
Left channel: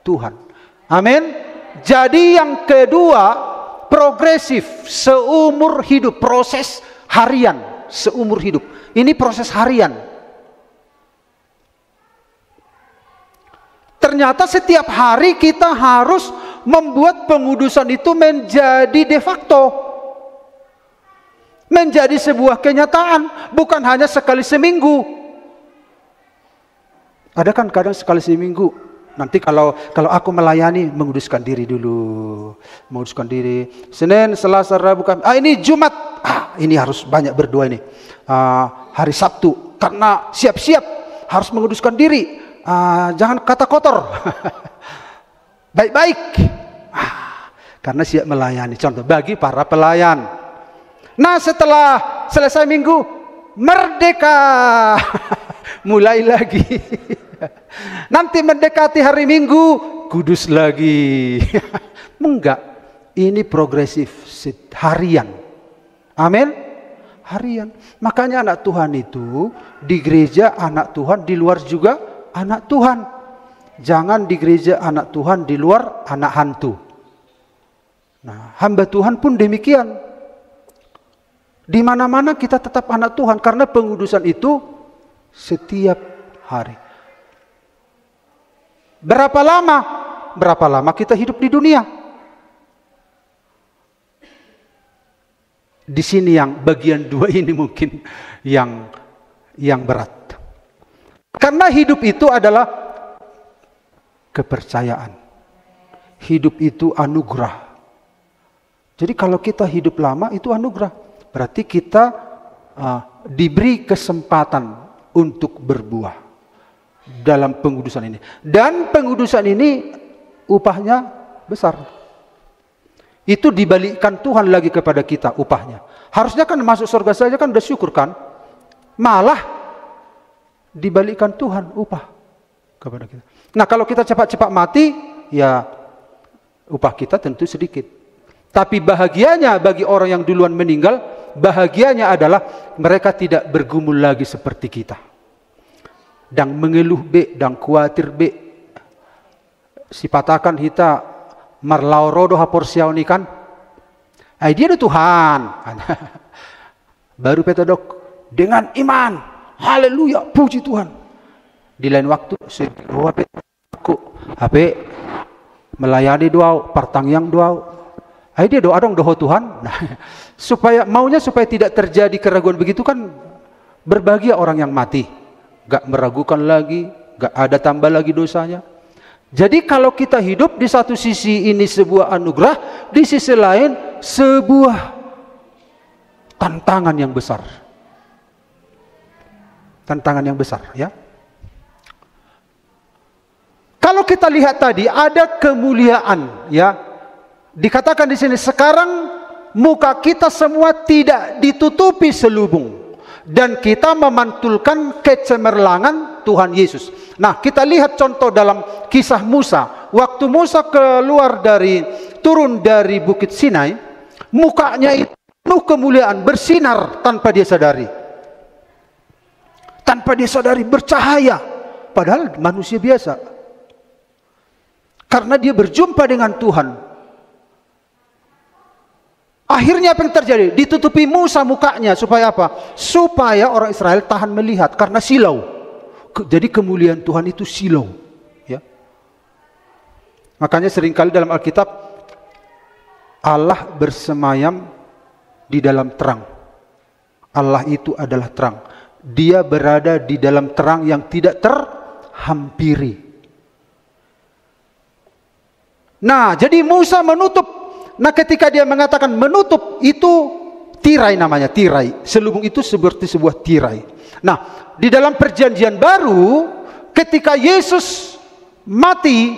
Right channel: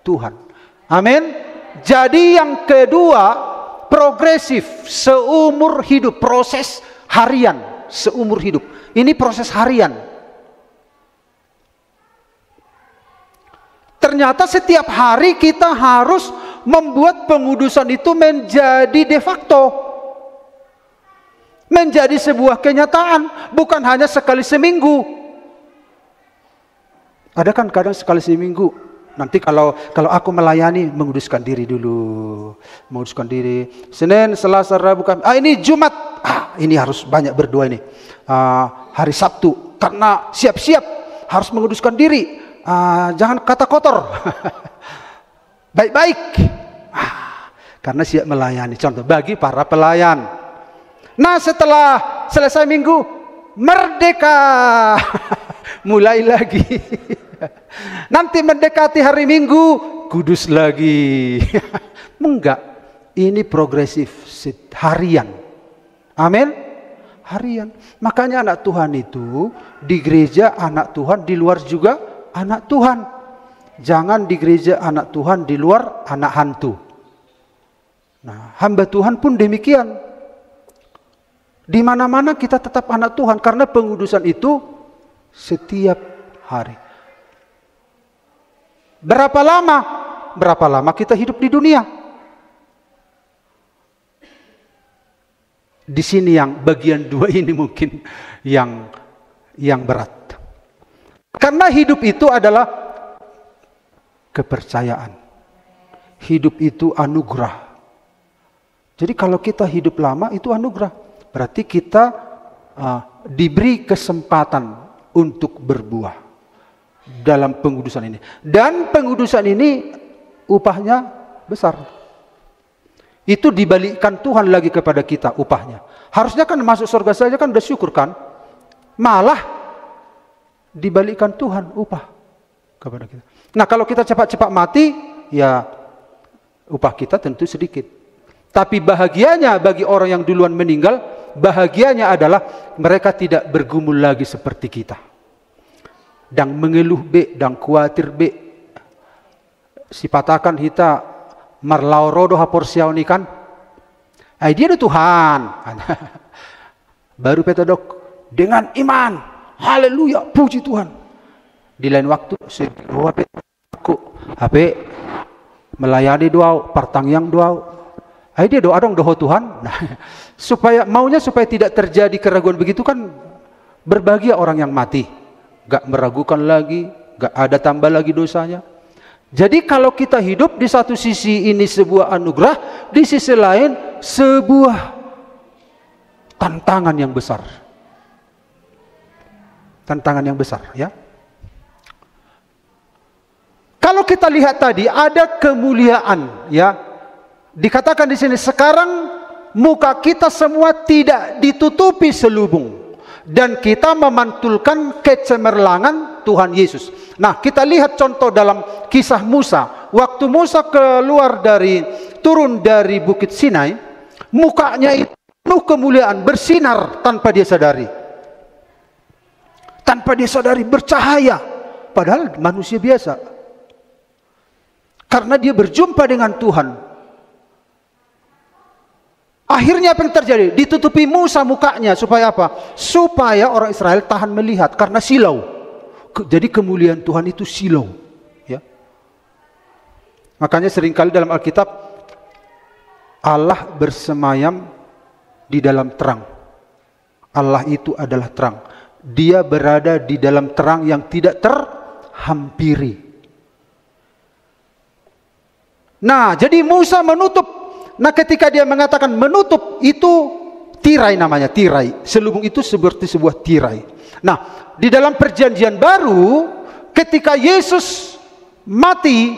Tuhan. Amin. Jadi yang kedua, progresif, seumur hidup, proses harian, seumur hidup. Ini proses harian. Ternyata setiap hari kita harus membuat pengudusan itu menjadi de facto. Menjadi sebuah kenyataan, bukan hanya sekali seminggu. Ada kan kadang sekali seminggu. Nanti kalau aku melayani, menguduskan diri dulu. Menguduskan diri. Senin, Selasa, Rabu, Kamis. Ini Jumat. Ini harus banyak berdoa ini. Hari Sabtu. Karena siap-siap harus menguduskan diri. Jangan kata kotor. Baik-baik. Karena siap melayani. Contoh bagi para pelayan. Nah, setelah selesai minggu, merdeka. Mulai lagi. Nanti mendekati hari Minggu, kudus lagi. Enggak. Ini progresif, harian. Amin. Harian. Makanya anak Tuhan itu di gereja anak Tuhan, di luar juga anak Tuhan. Jangan di gereja anak Tuhan, di luar anak hantu. Nah, hamba Tuhan pun demikian. Di mana-mana kita tetap anak Tuhan, karena pengudusan itu setiap hari. Berapa lama kita hidup di dunia? Di sini yang bagian 2 ini mungkin yang berat. Karena hidup itu adalah kepercayaan. Hidup itu anugerah. Jadi kalau kita hidup lama itu anugerah. Berarti kita diberi kesempatan untuk berbuah dalam pengudusan ini. Dan pengudusan ini upahnya besar. Itu dibalikkan Tuhan lagi kepada kita upahnya. Harusnya kan masuk surga saja kan udah syukur kan. Malah dibalikkan Tuhan upah kepada kita. Nah kalau kita cepat-cepat mati, ya upah kita tentu sedikit. Tapi bahagianya bagi orang yang duluan meninggal, bahagianya adalah mereka tidak bergumul lagi seperti kita. Dan mengeluh be, dan khawatir be. Sipatakan kita marlaorodo haporsiau ni kan. Dia do Tuhan. Baru petodok dengan iman. Haleluya, puji Tuhan. Di lain waktu semua petku ape melayani doa, pertangyang doa. Dia doa dong doa Tuhan. Supaya tidak terjadi keraguan begitu kan, berbagi orang yang mati. Gak meragukan lagi, gak ada tambah lagi dosanya. Jadi kalau kita hidup di satu sisi ini sebuah anugerah, di sisi lain sebuah tantangan yang besar. Tantangan yang besar, ya. Kalau kita lihat tadi ada kemuliaan, ya. Dikatakan di sini sekarang muka kita semua tidak ditutupi selubung dan kita memantulkan kecemerlangan Tuhan Yesus. Nah, kita lihat contoh dalam kisah Musa. Waktu Musa turun dari Bukit Sinai, mukanya itu penuh kemuliaan, bersinar tanpa dia sadari. Tanpa dia sadari bercahaya, padahal manusia biasa. Karena dia berjumpa dengan Tuhan. Akhirnya apa yang terjadi? Ditutupi Musa mukanya. Supaya apa? Supaya orang Israel tahan melihat. Karena silau. Jadi kemuliaan Tuhan itu silau. Ya. Makanya seringkali dalam Alkitab, Allah bersemayam di dalam terang. Allah itu adalah terang. Dia berada di dalam terang yang tidak terhampiri. Nah, jadi Musa menutup. Nah, ketika dia mengatakan menutup, itu tirai namanya, tirai. Selubung itu seperti sebuah tirai. Nah, di dalam perjanjian baru, ketika Yesus mati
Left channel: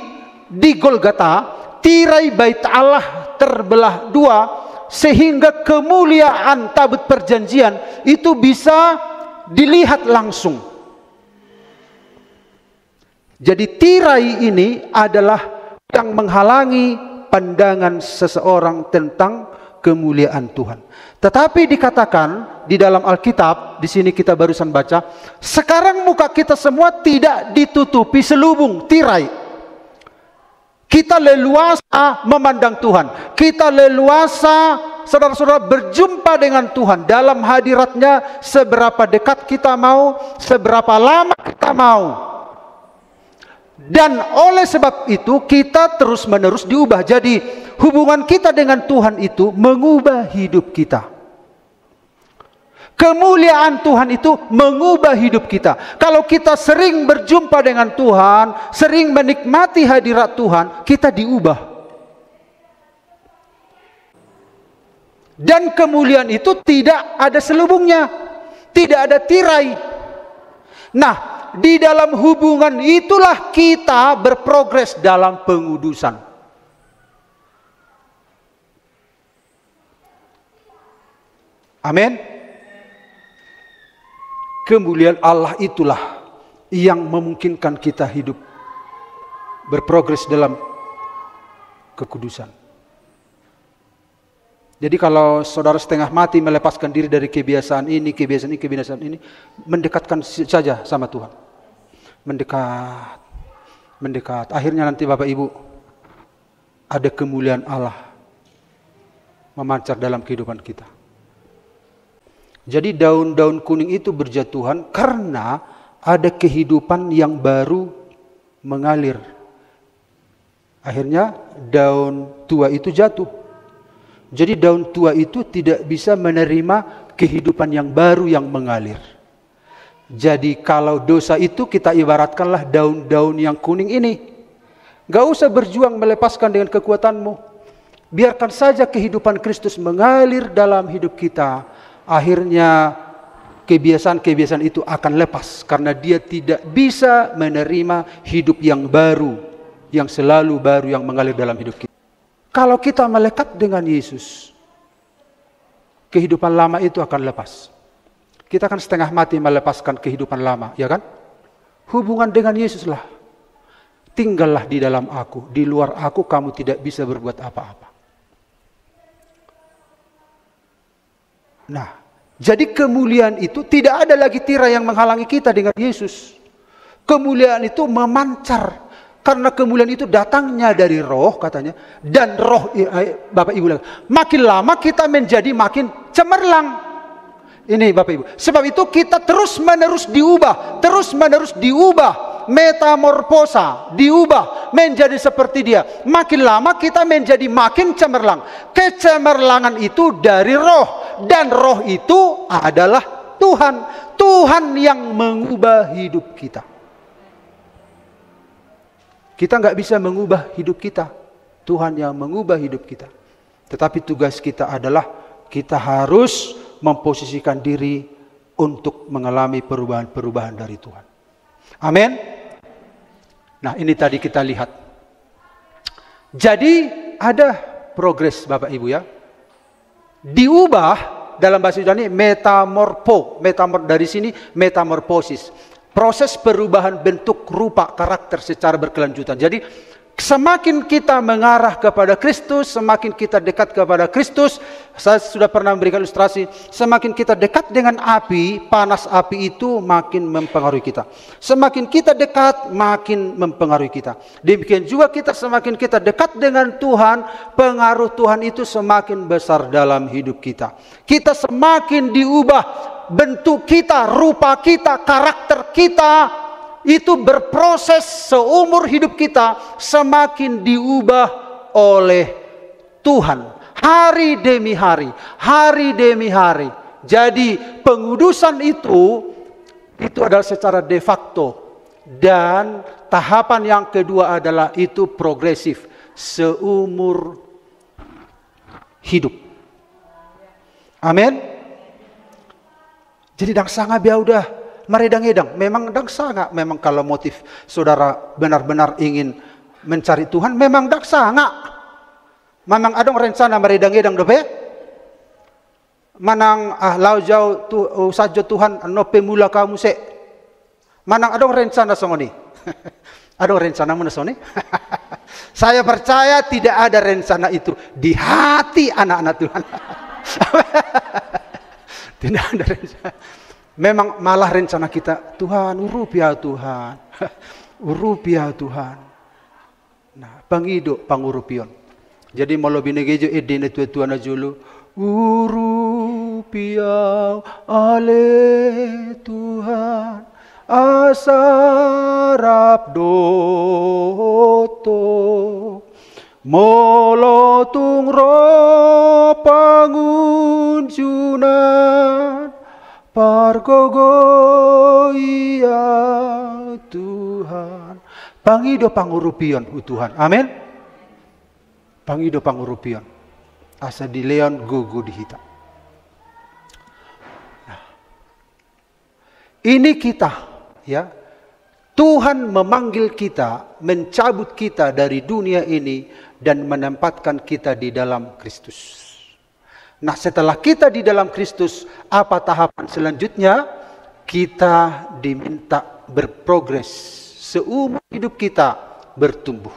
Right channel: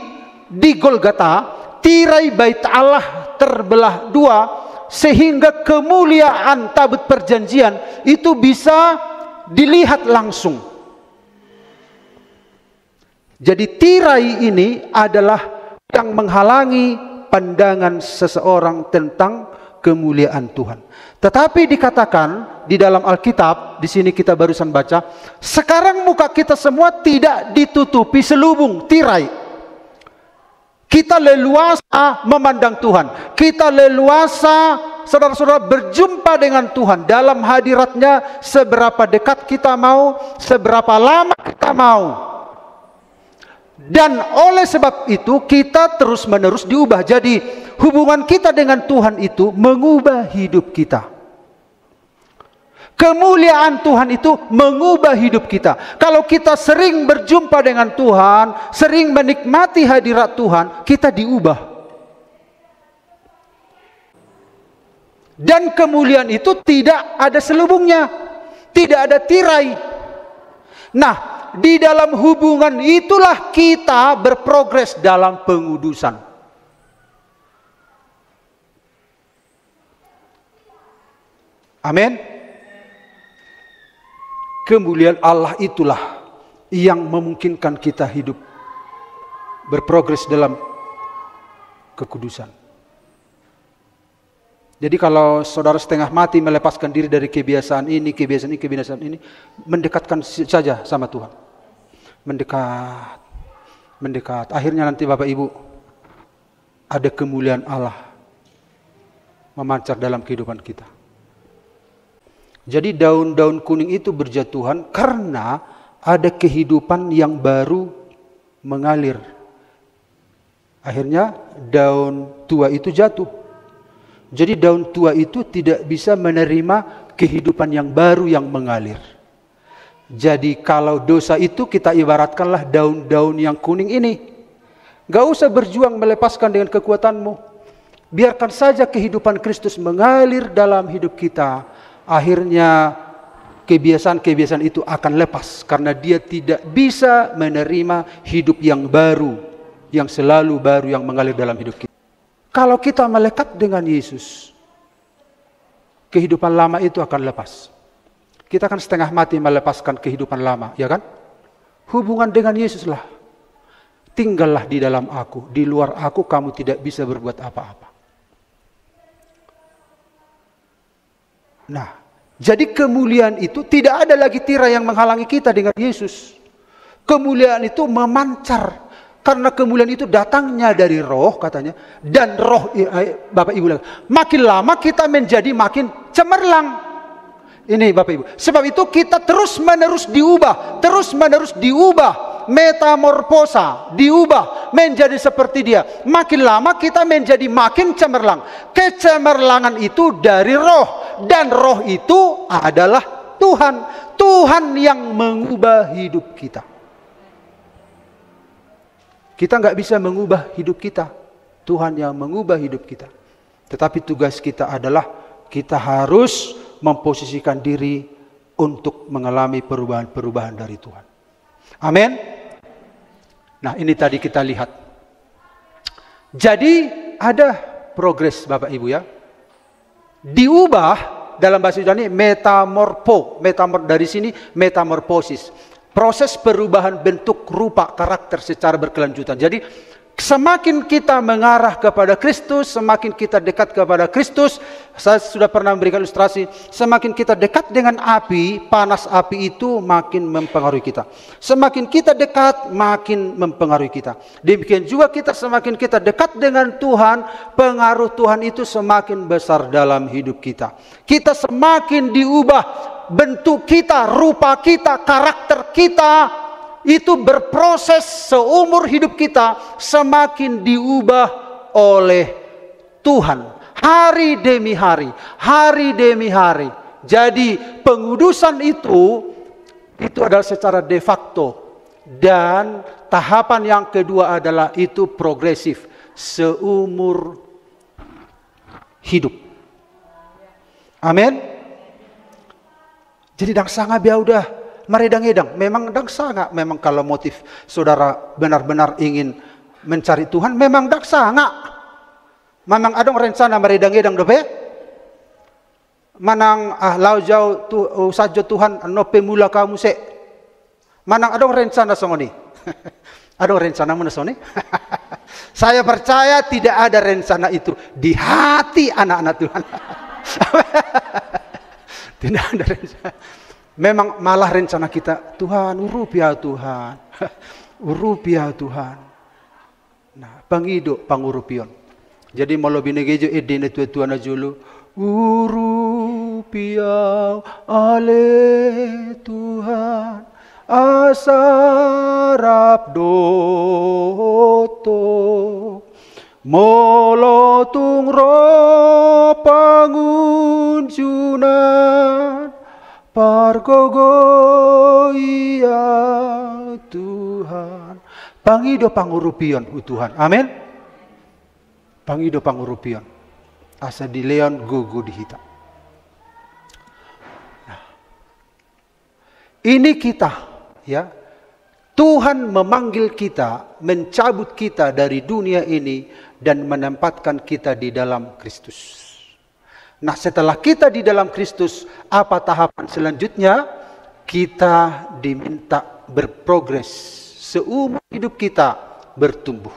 di Golgota, tirai bait Allah terbelah dua, sehingga kemuliaan tabut perjanjian itu bisa dilihat langsung. Jadi tirai ini adalah yang menghalangi pandangan seseorang tentang kemuliaan Tuhan. Tetapi dikatakan di dalam Alkitab, di sini kita barusan baca, sekarang muka kita semua tidak ditutupi selubung, tirai. Kita leluasa memandang Tuhan. Kita leluasa, saudara-saudara, berjumpa dengan Tuhan dalam hadiratnya. Seberapa dekat kita mau, seberapa lama kita mau. Dan oleh sebab itu kita terus-menerus diubah. Jadi hubungan kita dengan Tuhan itu mengubah hidup kita. Kemuliaan Tuhan itu mengubah hidup kita. Kalau kita sering berjumpa dengan Tuhan, sering menikmati hadirat Tuhan, kita diubah. Dan kemuliaan itu tidak ada selubungnya, tidak ada tirai. Nah, di dalam hubungan itulah kita berprogres dalam pengudusan. Amin. Kemuliaan Allah itulah yang memungkinkan kita hidup berprogres dalam kekudusan. Jadi kalau saudara setengah mati melepaskan diri dari kebiasaan ini, kebiasaan ini, mendekatkan saja sama Tuhan. Mendekat. Akhirnya nanti Bapak Ibu, ada kemuliaan Allah memancar dalam kehidupan kita. Jadi daun-daun kuning itu berjatuhan karena ada kehidupan yang baru mengalir. Akhirnya daun tua itu jatuh. Jadi daun tua itu tidak bisa menerima kehidupan yang baru yang mengalir. Jadi kalau dosa itu kita ibaratkanlah daun-daun yang kuning ini. Gak usah berjuang melepaskan dengan kekuatanmu. Biarkan saja kehidupan Kristus mengalir dalam hidup kita. Akhirnya kebiasaan-kebiasaan itu akan lepas. Karena dia tidak bisa menerima hidup yang baru. Yang selalu baru yang mengalir dalam hidup kita. Kalau kita melekat dengan Yesus, kehidupan lama itu akan lepas. Kita kan setengah mati melepaskan kehidupan lama, ya kan? Hubungan dengan Yesus lah. Tinggallah di dalam aku, di luar aku kamu tidak bisa berbuat apa-apa. Nah, jadi kemuliaan itu tidak ada lagi tirai yang menghalangi kita dengan Yesus. Kemuliaan itu memancar. Karena kemuliaan itu datangnya dari roh katanya. Dan roh, Bapak Ibu, makin lama kita menjadi makin cemerlang. Ini Bapak Ibu. Sebab itu kita terus menerus diubah. Terus menerus diubah. Metamorfosa. Diubah menjadi seperti dia. Makin lama kita menjadi makin cemerlang. Kecemerlangan itu dari roh. Dan roh itu adalah Tuhan. Tuhan yang mengubah hidup kita. Kita nggak bisa mengubah hidup kita. Tuhan yang mengubah hidup kita. Tetapi tugas kita adalah kita harus memposisikan diri untuk mengalami perubahan-perubahan dari Tuhan. Amin. Nah, ini tadi kita lihat. Jadi ada progres Bapak Ibu ya. Diubah dalam bahasa Yunani dari sini metamorfosis. Proses perubahan bentuk rupa karakter secara berkelanjutan. Jadi Semakin kita mengarah kepada Kristus, semakin kita dekat kepada Kristus. Saya sudah pernah memberikan ilustrasi, semakin kita dekat dengan api, panas api itu makin mempengaruhi kita. Semakin kita dekat, makin mempengaruhi kita. Demikian juga kita semakin kita dekat dengan Tuhan, pengaruh Tuhan itu semakin besar dalam hidup kita. Kita semakin diubah, bentuk kita, rupa kita, karakter kita, itu berproses seumur hidup kita semakin diubah oleh Tuhan. Hari demi hari, hari demi hari. Jadi pengudusan itu adalah secara de facto. Dan tahapan yang kedua adalah itu progresif seumur hidup. Amin. Jadi dang sanga biar udah maredang-edang, memang dang sangat. Memang kalau motif saudara benar-benar ingin mencari Tuhan, memang dang sangat. Manang adong rencana maredang-edang dope. Manang lau jauh saja Tuhan no pemula kamu se. Manang adong rencana songoni. Adong rencana mana songoni? Saya percaya tidak ada rencana itu di hati anak-anak Tuhan. Tidak ada rencana. Memang malah rencana kita, Tuhan, rupiah Tuhan. Rupiah Tuhan. Nah, pangido, pangurupion. Jadi mau lebih negejo edene Tuhan ajulu. Rupiah ale Tuhan. Asarap doto. Molotung ro pangunjunan. Pargogo iya Tuhan. Pangido pangurupion Tuhan. Amin. Pangido pangurupion. Asa di leon gugu dihita. Ini kita, ya. Tuhan memanggil kita, mencabut kita dari dunia ini dan menempatkan kita di dalam Kristus. Nah, setelah kita di dalam Kristus, apa tahapan selanjutnya? Kita diminta berprogres. Seumur hidup kita bertumbuh.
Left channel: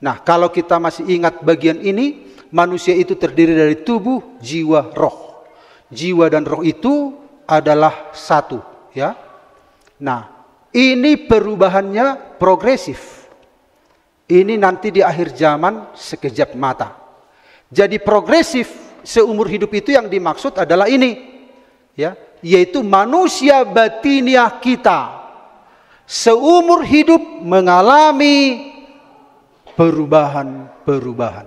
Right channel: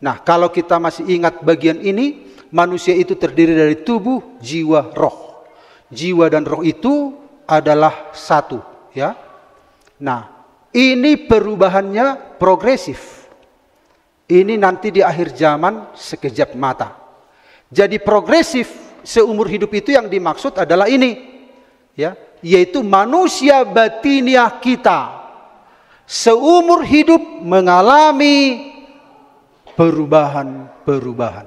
Nah, kalau kita masih ingat bagian ini, manusia itu terdiri dari tubuh, jiwa, roh. Jiwa dan roh itu adalah satu, ya. Nah, ini perubahannya progresif. Ini nanti di akhir zaman sekejap mata. Jadi progresif seumur hidup itu yang dimaksud adalah ini, ya, yaitu manusia batiniah kita seumur hidup mengalami perubahan-perubahan.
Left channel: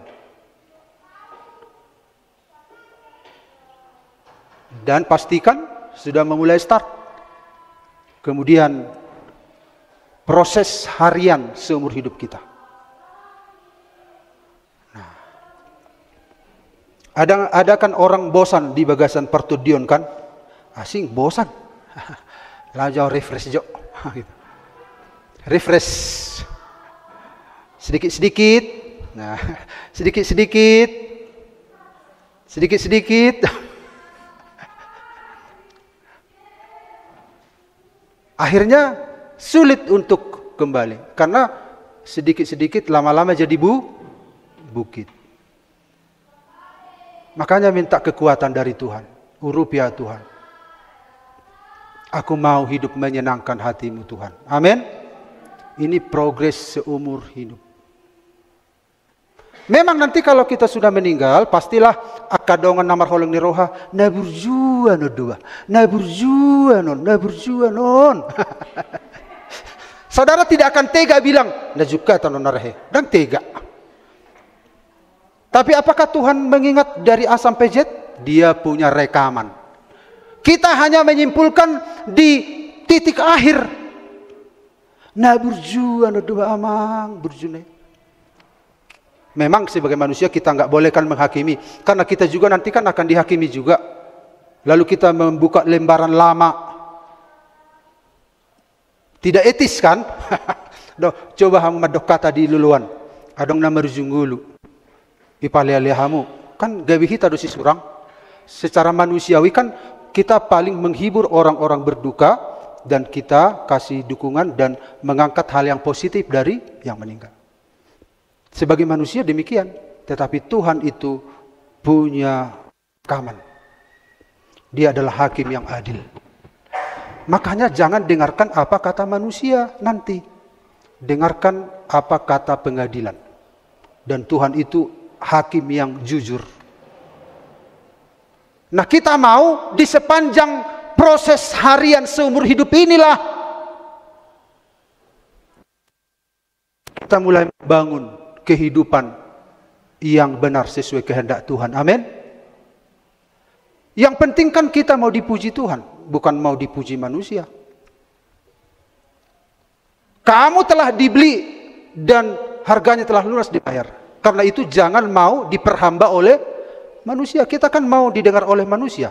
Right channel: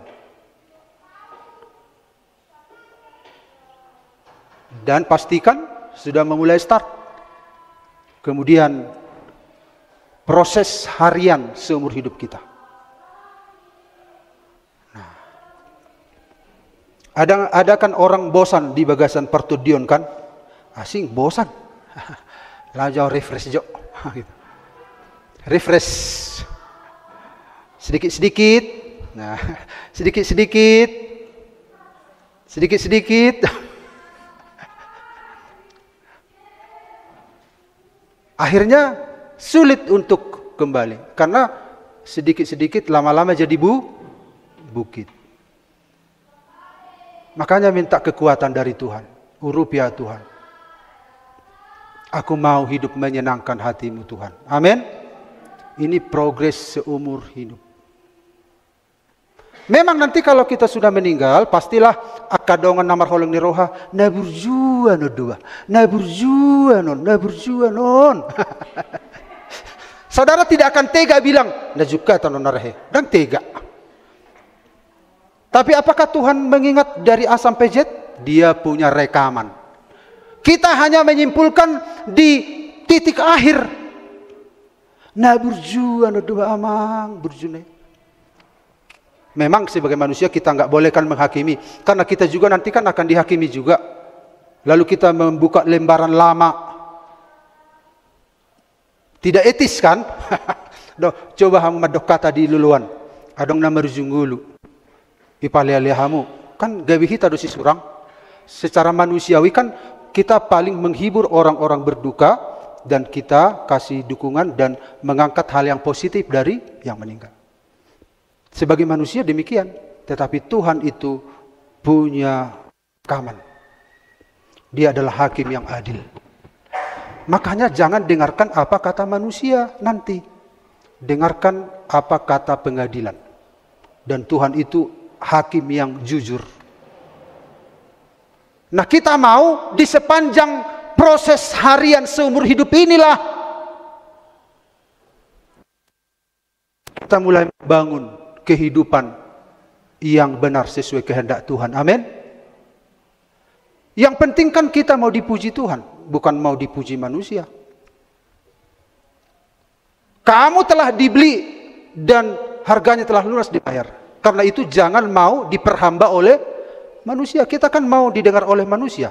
Dan pastikan sudah memulai start. Kemudian proses harian seumur hidup kita. Ada kan orang bosan di bagasan pertudion kan? Asing bosan. Lajau refresh jo. Refresh. Sedikit-sedikit. Nah, sedikit-sedikit. Sedikit-sedikit. Akhirnya sulit untuk kembali. Karena sedikit-sedikit lama-lama jadi bukit. Makanya minta kekuatan dari Tuhan. Rupiah Tuhan. Aku mau hidup menyenangkan hatimu Tuhan. Amin. Ini progres seumur hidup. Memang nanti kalau kita sudah meninggal, pastilah akadongan namar holong ni roha. Naburjua no dua. Naburjua non. Saudara tidak akan tega bilang. Najuka atau nonarahe. Dan tega. Tapi apakah Tuhan mengingat dari A sampai Z? Dia punya rekaman. Kita hanya menyimpulkan di titik akhir. Nah berjuang, dua amang berjune. Memang sebagai manusia kita nggak boleh kan menghakimi. Karena kita juga nanti kan akan dihakimi juga. Lalu kita membuka lembaran lama. Tidak etis kan? Doh, coba hamu madok kata di luluan. Adong nama rujunggulu. Ipalialihamu kan gawi kita dosi surang. Secara manusiawi kan kita paling menghibur orang-orang berduka dan kita kasih dukungan dan mengangkat hal yang positif dari yang meninggal. Sebagai manusia demikian. Tetapi Tuhan itu punya rekaman. Dia adalah hakim yang adil. Makanya jangan dengarkan apa kata manusia nanti. Dengarkan apa kata pengadilan. Dan Tuhan itu hakim yang jujur. Nah, kita mau di sepanjang proses harian seumur hidup inilah kita mulai bangun kehidupan yang benar sesuai kehendak Tuhan. Amin. Yang penting kan kita mau dipuji Tuhan, bukan mau dipuji manusia. Kamu telah dibeli dan harganya telah lunas dibayar. Karena itu jangan mau diperhamba oleh manusia. Kita kan mau didengar oleh manusia.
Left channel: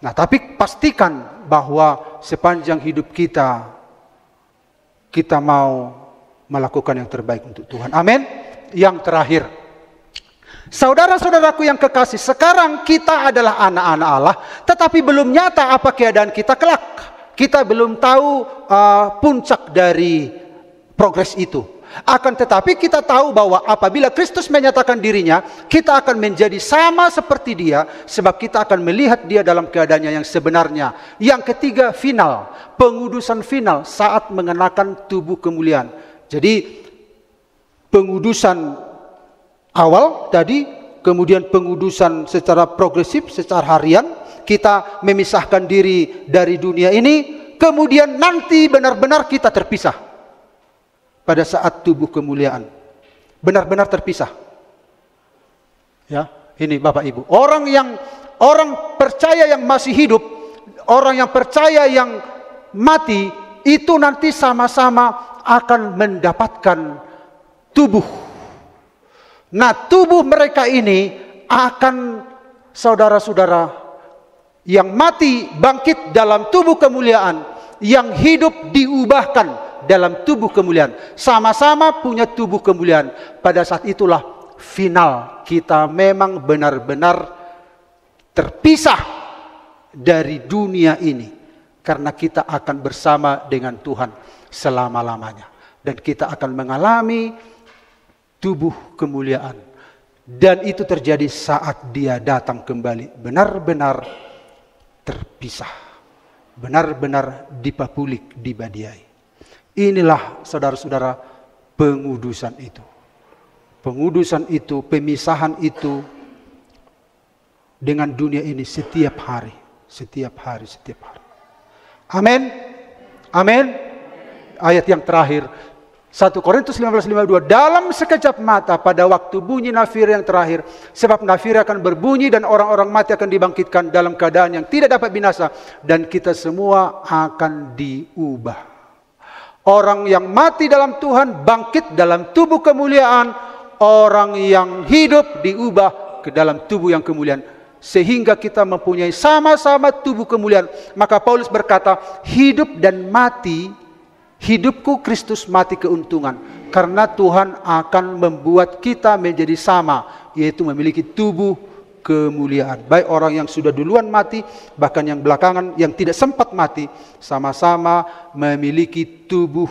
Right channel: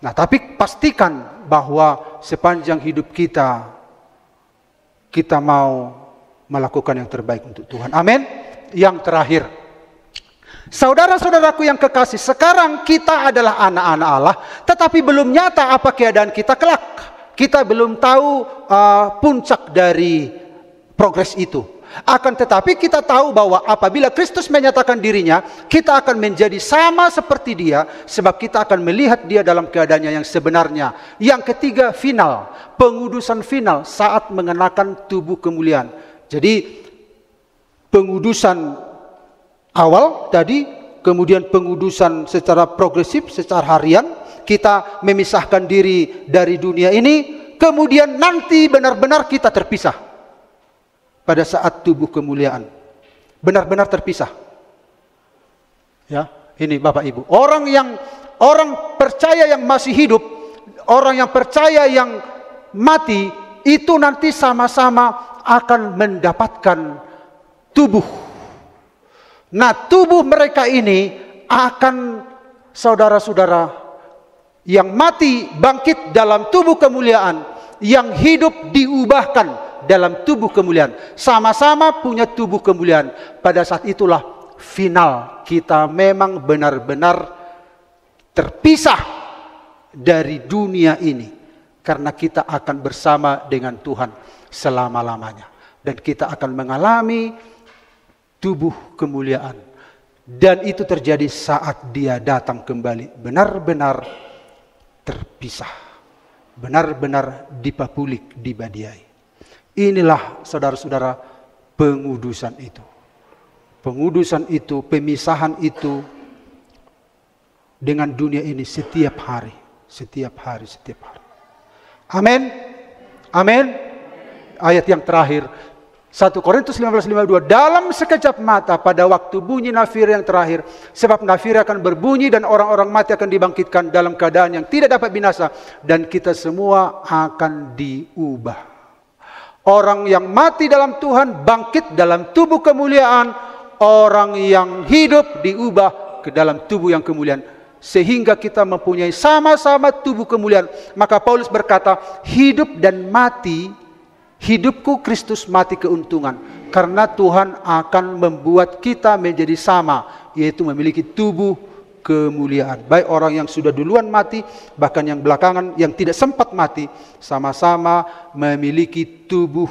Nah, tapi pastikan bahwa sepanjang hidup kita mau melakukan yang terbaik untuk Tuhan. Amin. Yang terakhir, saudara-saudaraku yang kekasih, sekarang kita adalah anak-anak Allah, tetapi belum nyata apa keadaan kita kelak. Kita belum tahu puncak dari progres itu. Akan tetapi kita tahu bahwa apabila Kristus menyatakan dirinya, kita akan menjadi sama seperti dia, sebab kita akan melihat dia dalam keadaannya yang sebenarnya. Yang ketiga, final, pengudusan final saat mengenakan tubuh kemuliaan. Jadi pengudusan awal tadi, kemudian pengudusan secara progresif, secara harian, kita memisahkan diri dari dunia ini, kemudian nanti benar-benar kita terpisah. Pada saat tubuh kemuliaan. Benar-benar terpisah. Ya, ini Bapak Ibu. Orang percaya yang masih hidup, orang yang percaya yang mati, itu nanti sama-sama akan mendapatkan tubuh. Nah, tubuh mereka ini akan, saudara-saudara, yang mati bangkit dalam tubuh kemuliaan, yang hidup diubahkan dalam tubuh kemuliaan. Sama-sama punya tubuh kemuliaan. Pada saat itulah final. Kita memang benar-benar terpisah dari dunia ini. Karena kita akan bersama dengan Tuhan selama-lamanya. Dan kita akan mengalami tubuh kemuliaan. Dan itu terjadi saat dia datang kembali. Benar-benar terpisah. Benar-benar dipapulik, dibadiai. Inilah saudara-saudara pengudusan itu. Pengudusan itu, pemisahan itu dengan dunia ini setiap hari. Setiap hari, setiap hari. Amin. Amin. Ayat yang terakhir. 1 Korintus 15:52. Dalam sekejap mata pada waktu bunyi nafir yang terakhir. Sebab nafir akan berbunyi dan orang-orang mati akan dibangkitkan dalam keadaan yang tidak dapat binasa. Dan kita semua akan diubah. Orang yang mati dalam Tuhan bangkit dalam tubuh kemuliaan. Orang yang hidup diubah ke dalam tubuh yang kemuliaan. Sehingga kita mempunyai sama-sama tubuh kemuliaan. Maka Paulus berkata, hidup dan mati, hidupku Kristus, mati keuntungan. Karena Tuhan akan membuat kita menjadi sama. Yaitu memiliki tubuh kemuliaan. Baik orang yang sudah duluan mati, bahkan yang belakangan, yang tidak sempat mati, sama-sama memiliki tubuh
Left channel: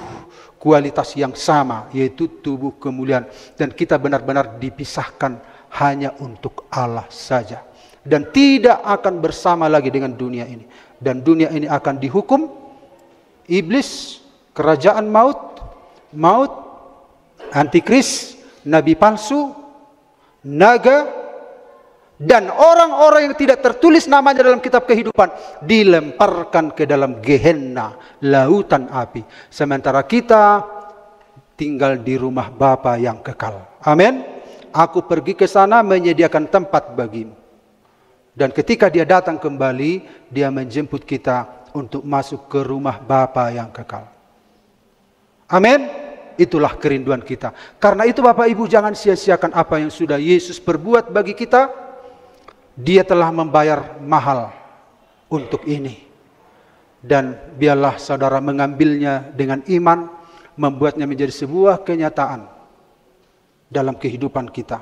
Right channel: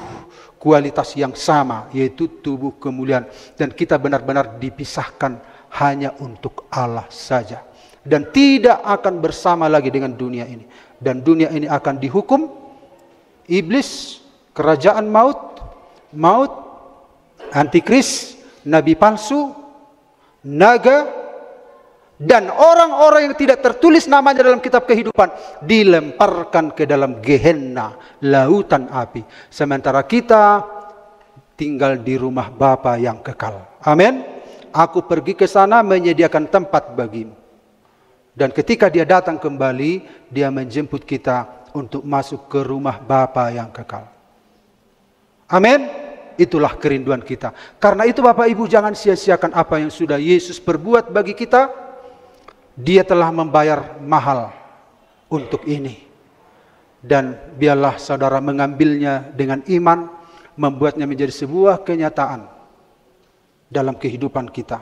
kualitas yang sama, yaitu tubuh kemuliaan. Dan kita benar-benar dipisahkan hanya untuk Allah saja. Dan tidak akan bersama lagi dengan dunia ini. Dan dunia ini akan dihukum. Iblis, kerajaan maut, antikris, nabi palsu, naga, dan orang-orang yang tidak tertulis namanya dalam kitab kehidupan dilemparkan ke dalam Gehenna, lautan api. Sementara kita tinggal di rumah Bapa yang kekal. Amin. Aku pergi ke sana menyediakan tempat bagimu. Dan ketika dia datang kembali, dia menjemput kita untuk masuk ke rumah Bapa yang kekal. Amin. Itulah kerinduan kita. Karena itu Bapak Ibu, jangan sia-siakan apa yang sudah Yesus perbuat bagi kita. Dia telah membayar mahal untuk ini. Dan biarlah saudara mengambilnya dengan iman, membuatnya menjadi sebuah kenyataan dalam kehidupan kita.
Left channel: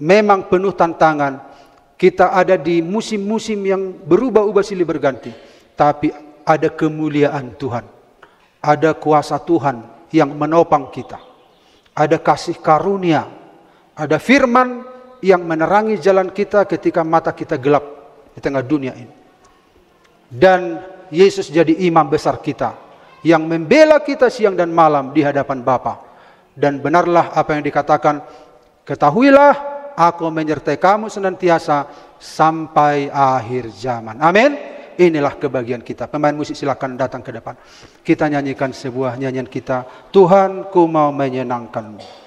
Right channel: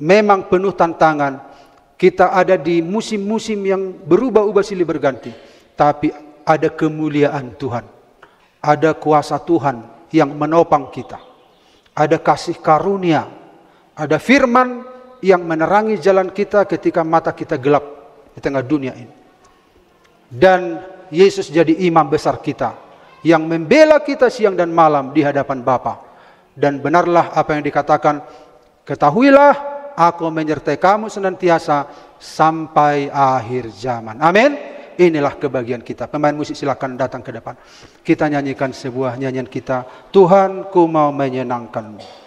Memang penuh tantangan. Kita ada di musim-musim yang berubah-ubah silih berganti. Tapi ada kemuliaan Tuhan. Ada kuasa Tuhan yang menopang kita. ada kasih karunia, ada firman yang menerangi jalan kita ketika mata kita gelap di tengah dunia ini. Dan Yesus jadi imam besar kita yang membela kita siang dan malam di hadapan Bapa. Dan benarlah apa yang dikatakan, ketahuilah aku menyertai kamu senantiasa sampai akhir zaman. Amin. Inilah kebahagiaan kita. Pemain musik silakan datang ke depan. Kita nyanyikan sebuah nyanyian kita. Tuhan, ku mau menyenangkanmu.